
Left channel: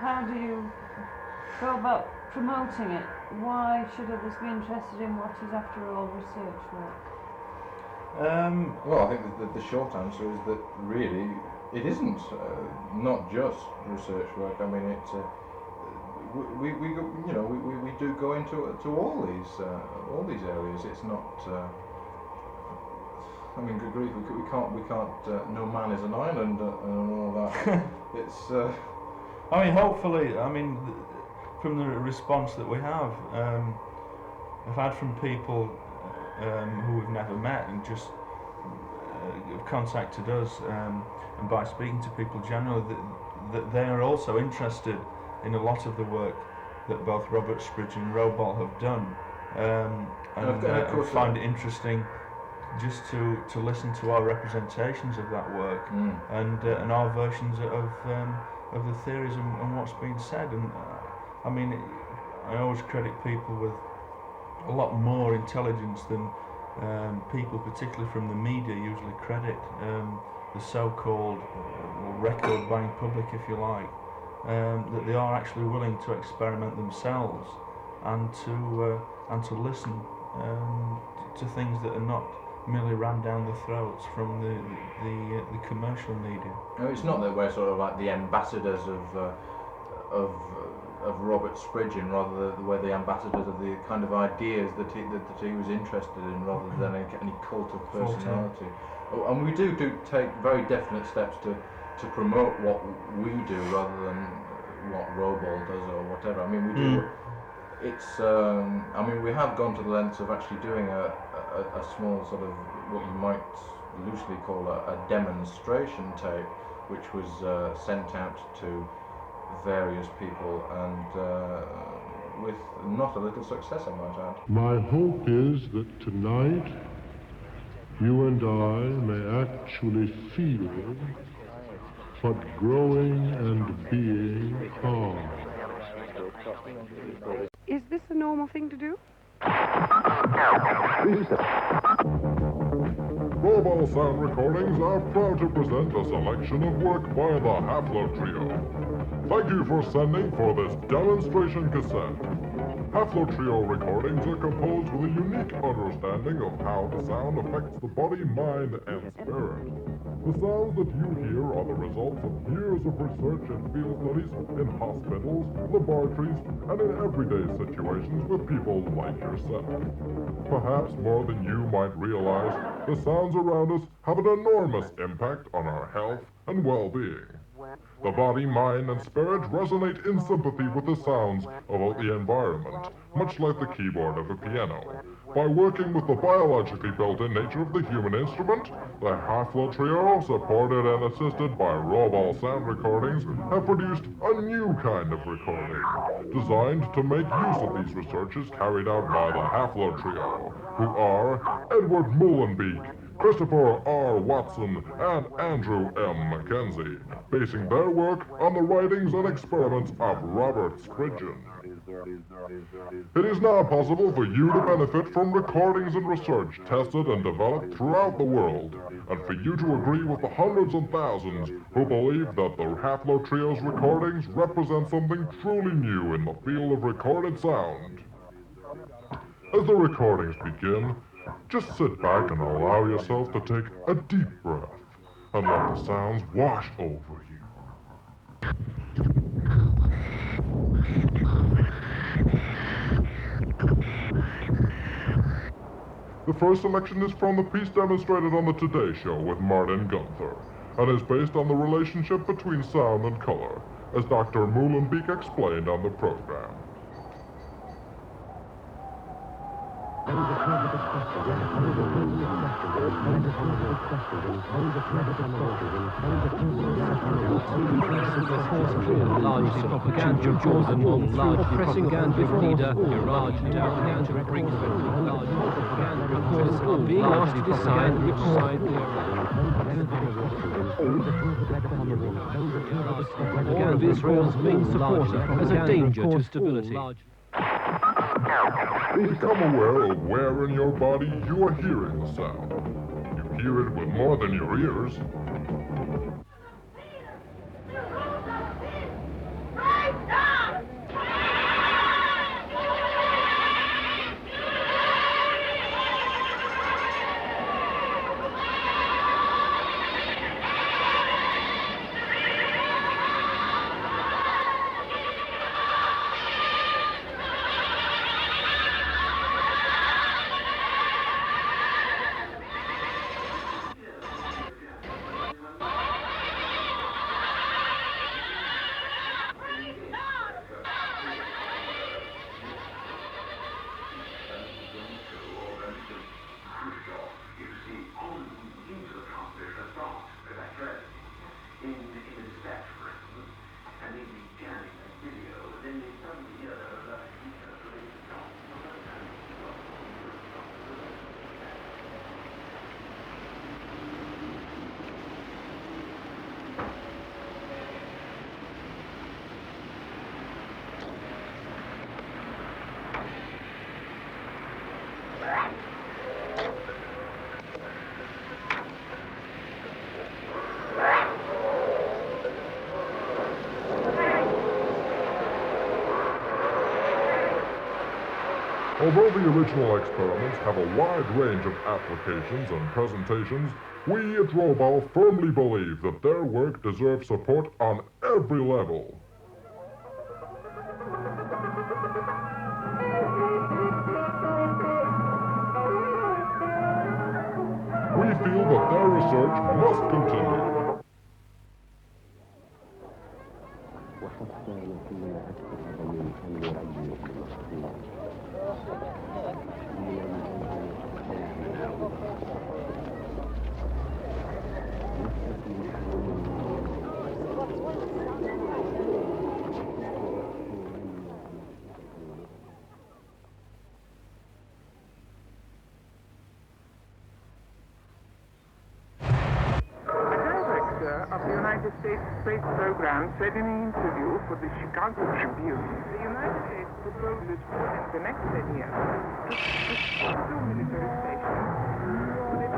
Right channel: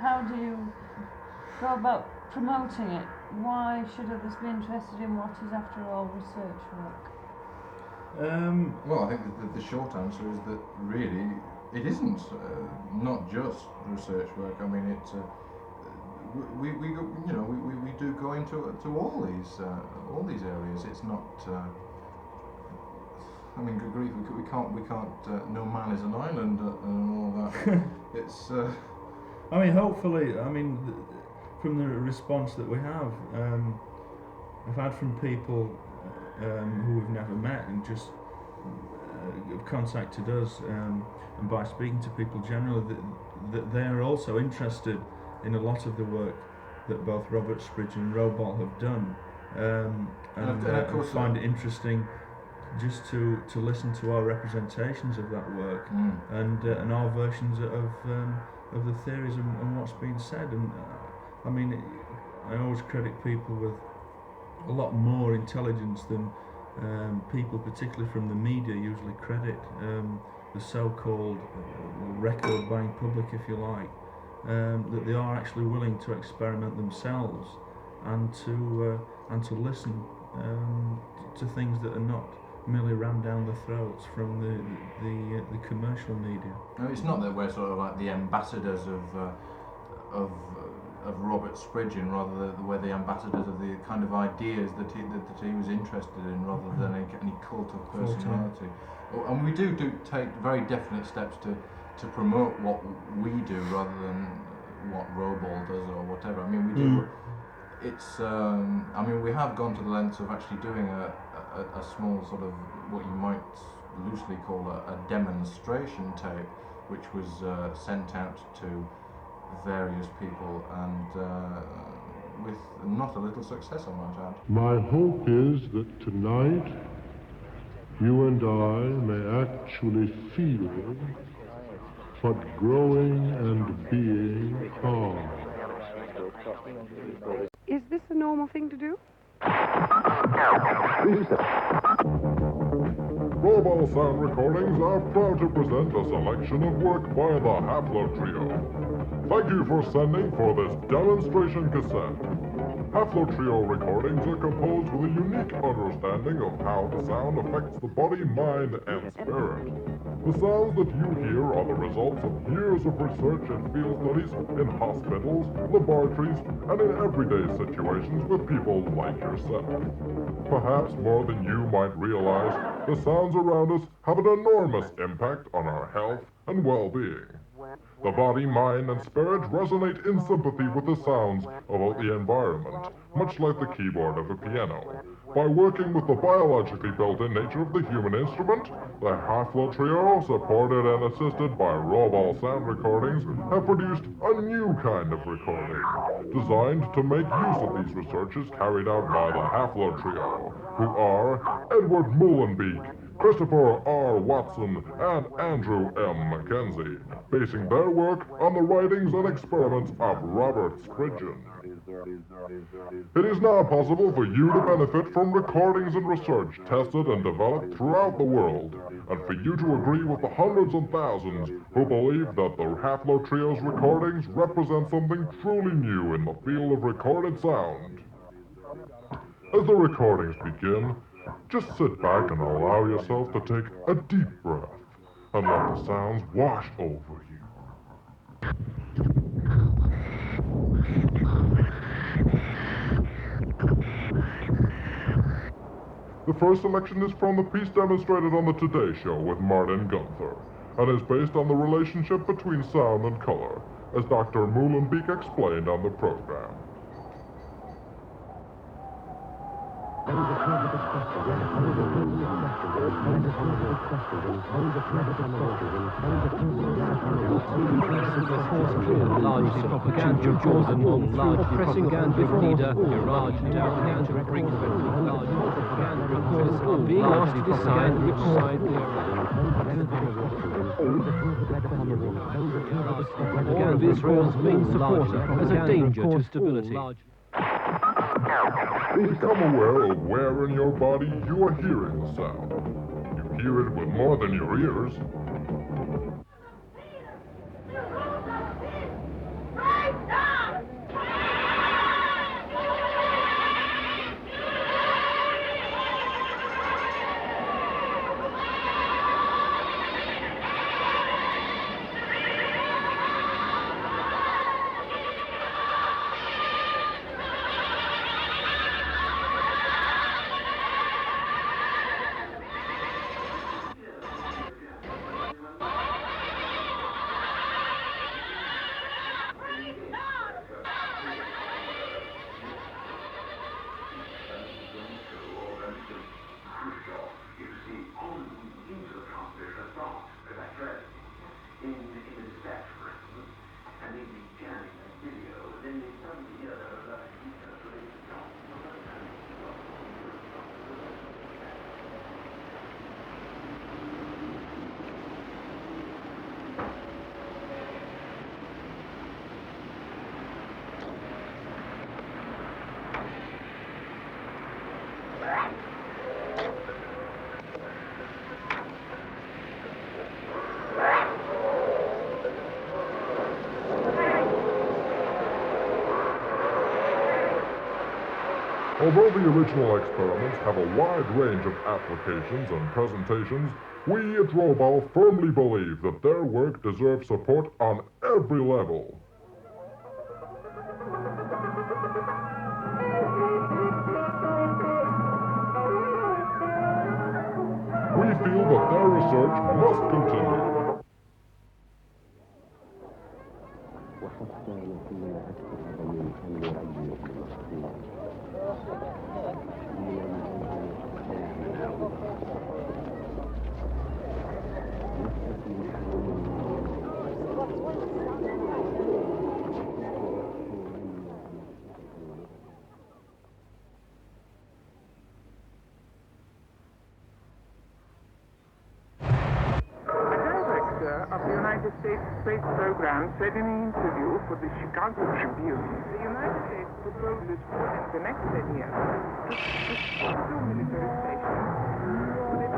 how do you go about promoting it? Why should others be interested in what is, after all, research work? Well, I think the short answer is that really it isn't not just research work. I mean, it we go, you know, we do go into all these areas. It's not. I mean, good grief, we can't. No man is an island and all that. It's. I mean, hopefully, I mean, from the response that we have, I've had from people who we've never met and just have contacted us, and by speaking to people generally, that they are also interested in a lot of the work that both Robert Spridge and Robol have done, and find it interesting just to listen to our representations of that work and our versions of the theories and what's being said. And I mean, I always credit people with a lot more intelligence than people, particularly from the media, usually credit the so-called record buying public, if you like, that they are actually willing to experiment themselves and to listen to things that are not merely rammed down the throats from the commercial media. No, it's not that we're sort of like the ambassadors of Robert Spridgeon, rather we're the ambassadors of the kind of ideas that he was interested in, rather than any cult of personality. And we do take very definite steps to promote what we do rather than what Robol does or whatever. I mean, we do. It's. I mean, we have gone to the lengths of actually doing a small sort of what you might loosely call a demonstration tape, which was sent out to various people, and with not a little success, I might add. My hope is that tonight you and I may actually feel what growing and being are. Is this a normal thing to do? Mobile Sound Recordings are proud to present a selection of work by the Hafler Trio. Thank you for sending for this demonstration cassette. Hafler Trio recordings are composed with a unique understanding of how the sound affects the body, mind, and spirit. The sounds that you hear are the results of years of research and field studies in hospitals, laboratories, and in everyday situations with people like yourself. Perhaps more than you might realize, the sounds around us have an enormous impact on our health and well-being. The body, mind, and spirit resonate in sympathy with the sounds of the environment, much like the keyboard of a piano. By working with the biologically built-in nature of the human instrument, the Hafler Trio, supported and assisted by Robol Sound Recordings, have produced a new kind of recording, designed to make use of these researches carried out by the Hafler Trio, who are Edward Mullenbeek, Christopher R. Watson, and Andrew M. Mackenzie, basing their work on the writings and experiments of Robert Spridgeon. It is now possible for you to benefit from recordings and research tested and developed throughout the world, and for you to agree with the hundreds and thousands who believe that the Hafler Trio's recordings represent something truly new in the field of recorded sound. As the recordings begin, just sit back and allow yourself to take a deep breath and let the sounds wash over you. The first selection is from the piece demonstrated on the Today Show with Martin Gunther, and is based on the relationship between sound and color, as Dr. Mullenbeek explained on the program. Largely propaganda Jordan, largely propaganda leader, largely propaganda Briggs, largely propaganda reporters are being asked to decide which side they are on. Propaganda Israel's main supporter as a danger to stability. Become aware of where in your body you are hearing the sound. You hear it with more than your ears. Although the original experiments have a wide range of applications and presentations, we at Robol firmly believe that their work deserves support on every level. We feel that their research must continue. Of the United States Space Program said in an interview for the Chicago Tribune, the United States proposes in the next 10 years to two military stations with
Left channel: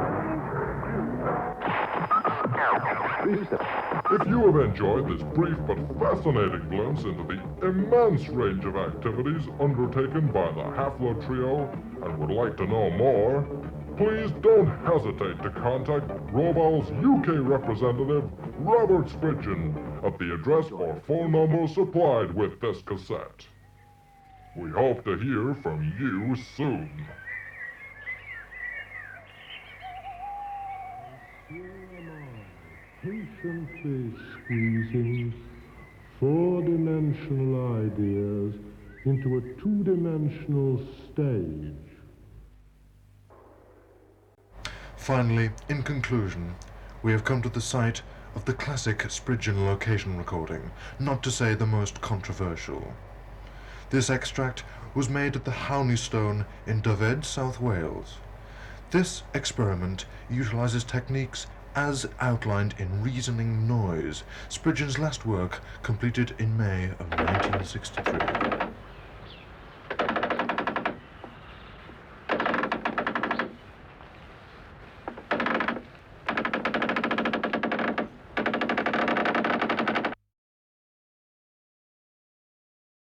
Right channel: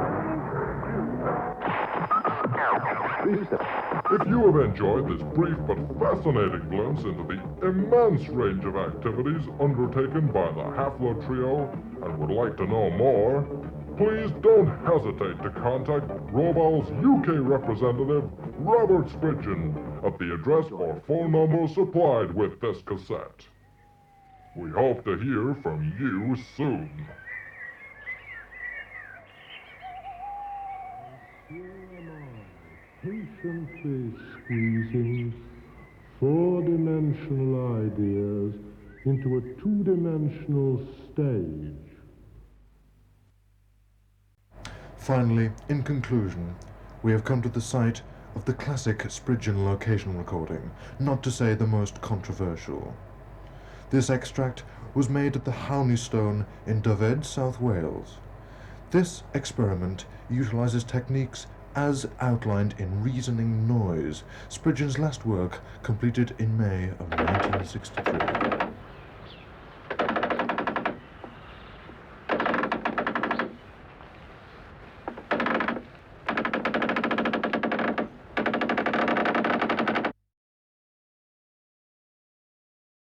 If you have enjoyed this brief but fascinating glimpse into the immense range of activities undertaken by the Hafler Trio and would like to know more, please don't hesitate to contact Robol's UK representative, Robert Spridgen, at the address or phone number supplied with this cassette. We hope to hear from you soon. Patiently squeezing four-dimensional ideas into a two-dimensional stage. Finally, in conclusion, we have come to the site of the classic Spridgen location recording, not to say the most controversial. This extract was made at the Ionisation in Dyfed, South Wales. This experiment utilizes techniques as outlined in Reasoning Noise, Spridgen's last work completed in May of 1963.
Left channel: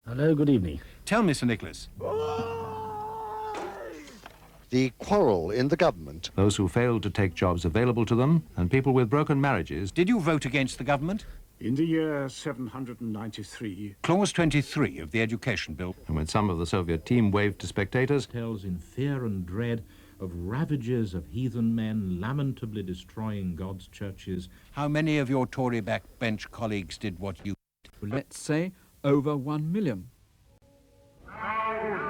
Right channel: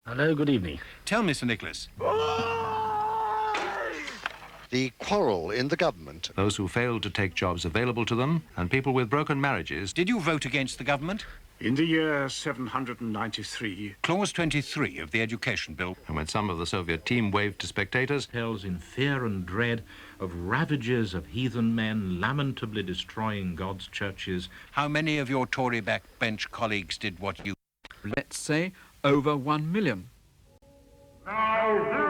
Hello, good evening. Tell me, Sir Nicholas. The quarrel in the government. Those who failed to take jobs available to them, and people with broken marriages. Did you vote against the government? In the year 793. Clause 23 of the Education Bill. And when some of the Soviet team waved to spectators. Tells in fear and dread of ravages of heathen men lamentably destroying God's churches. How many of your Tory backbench colleagues did what you... Let's say over 1 million. Now,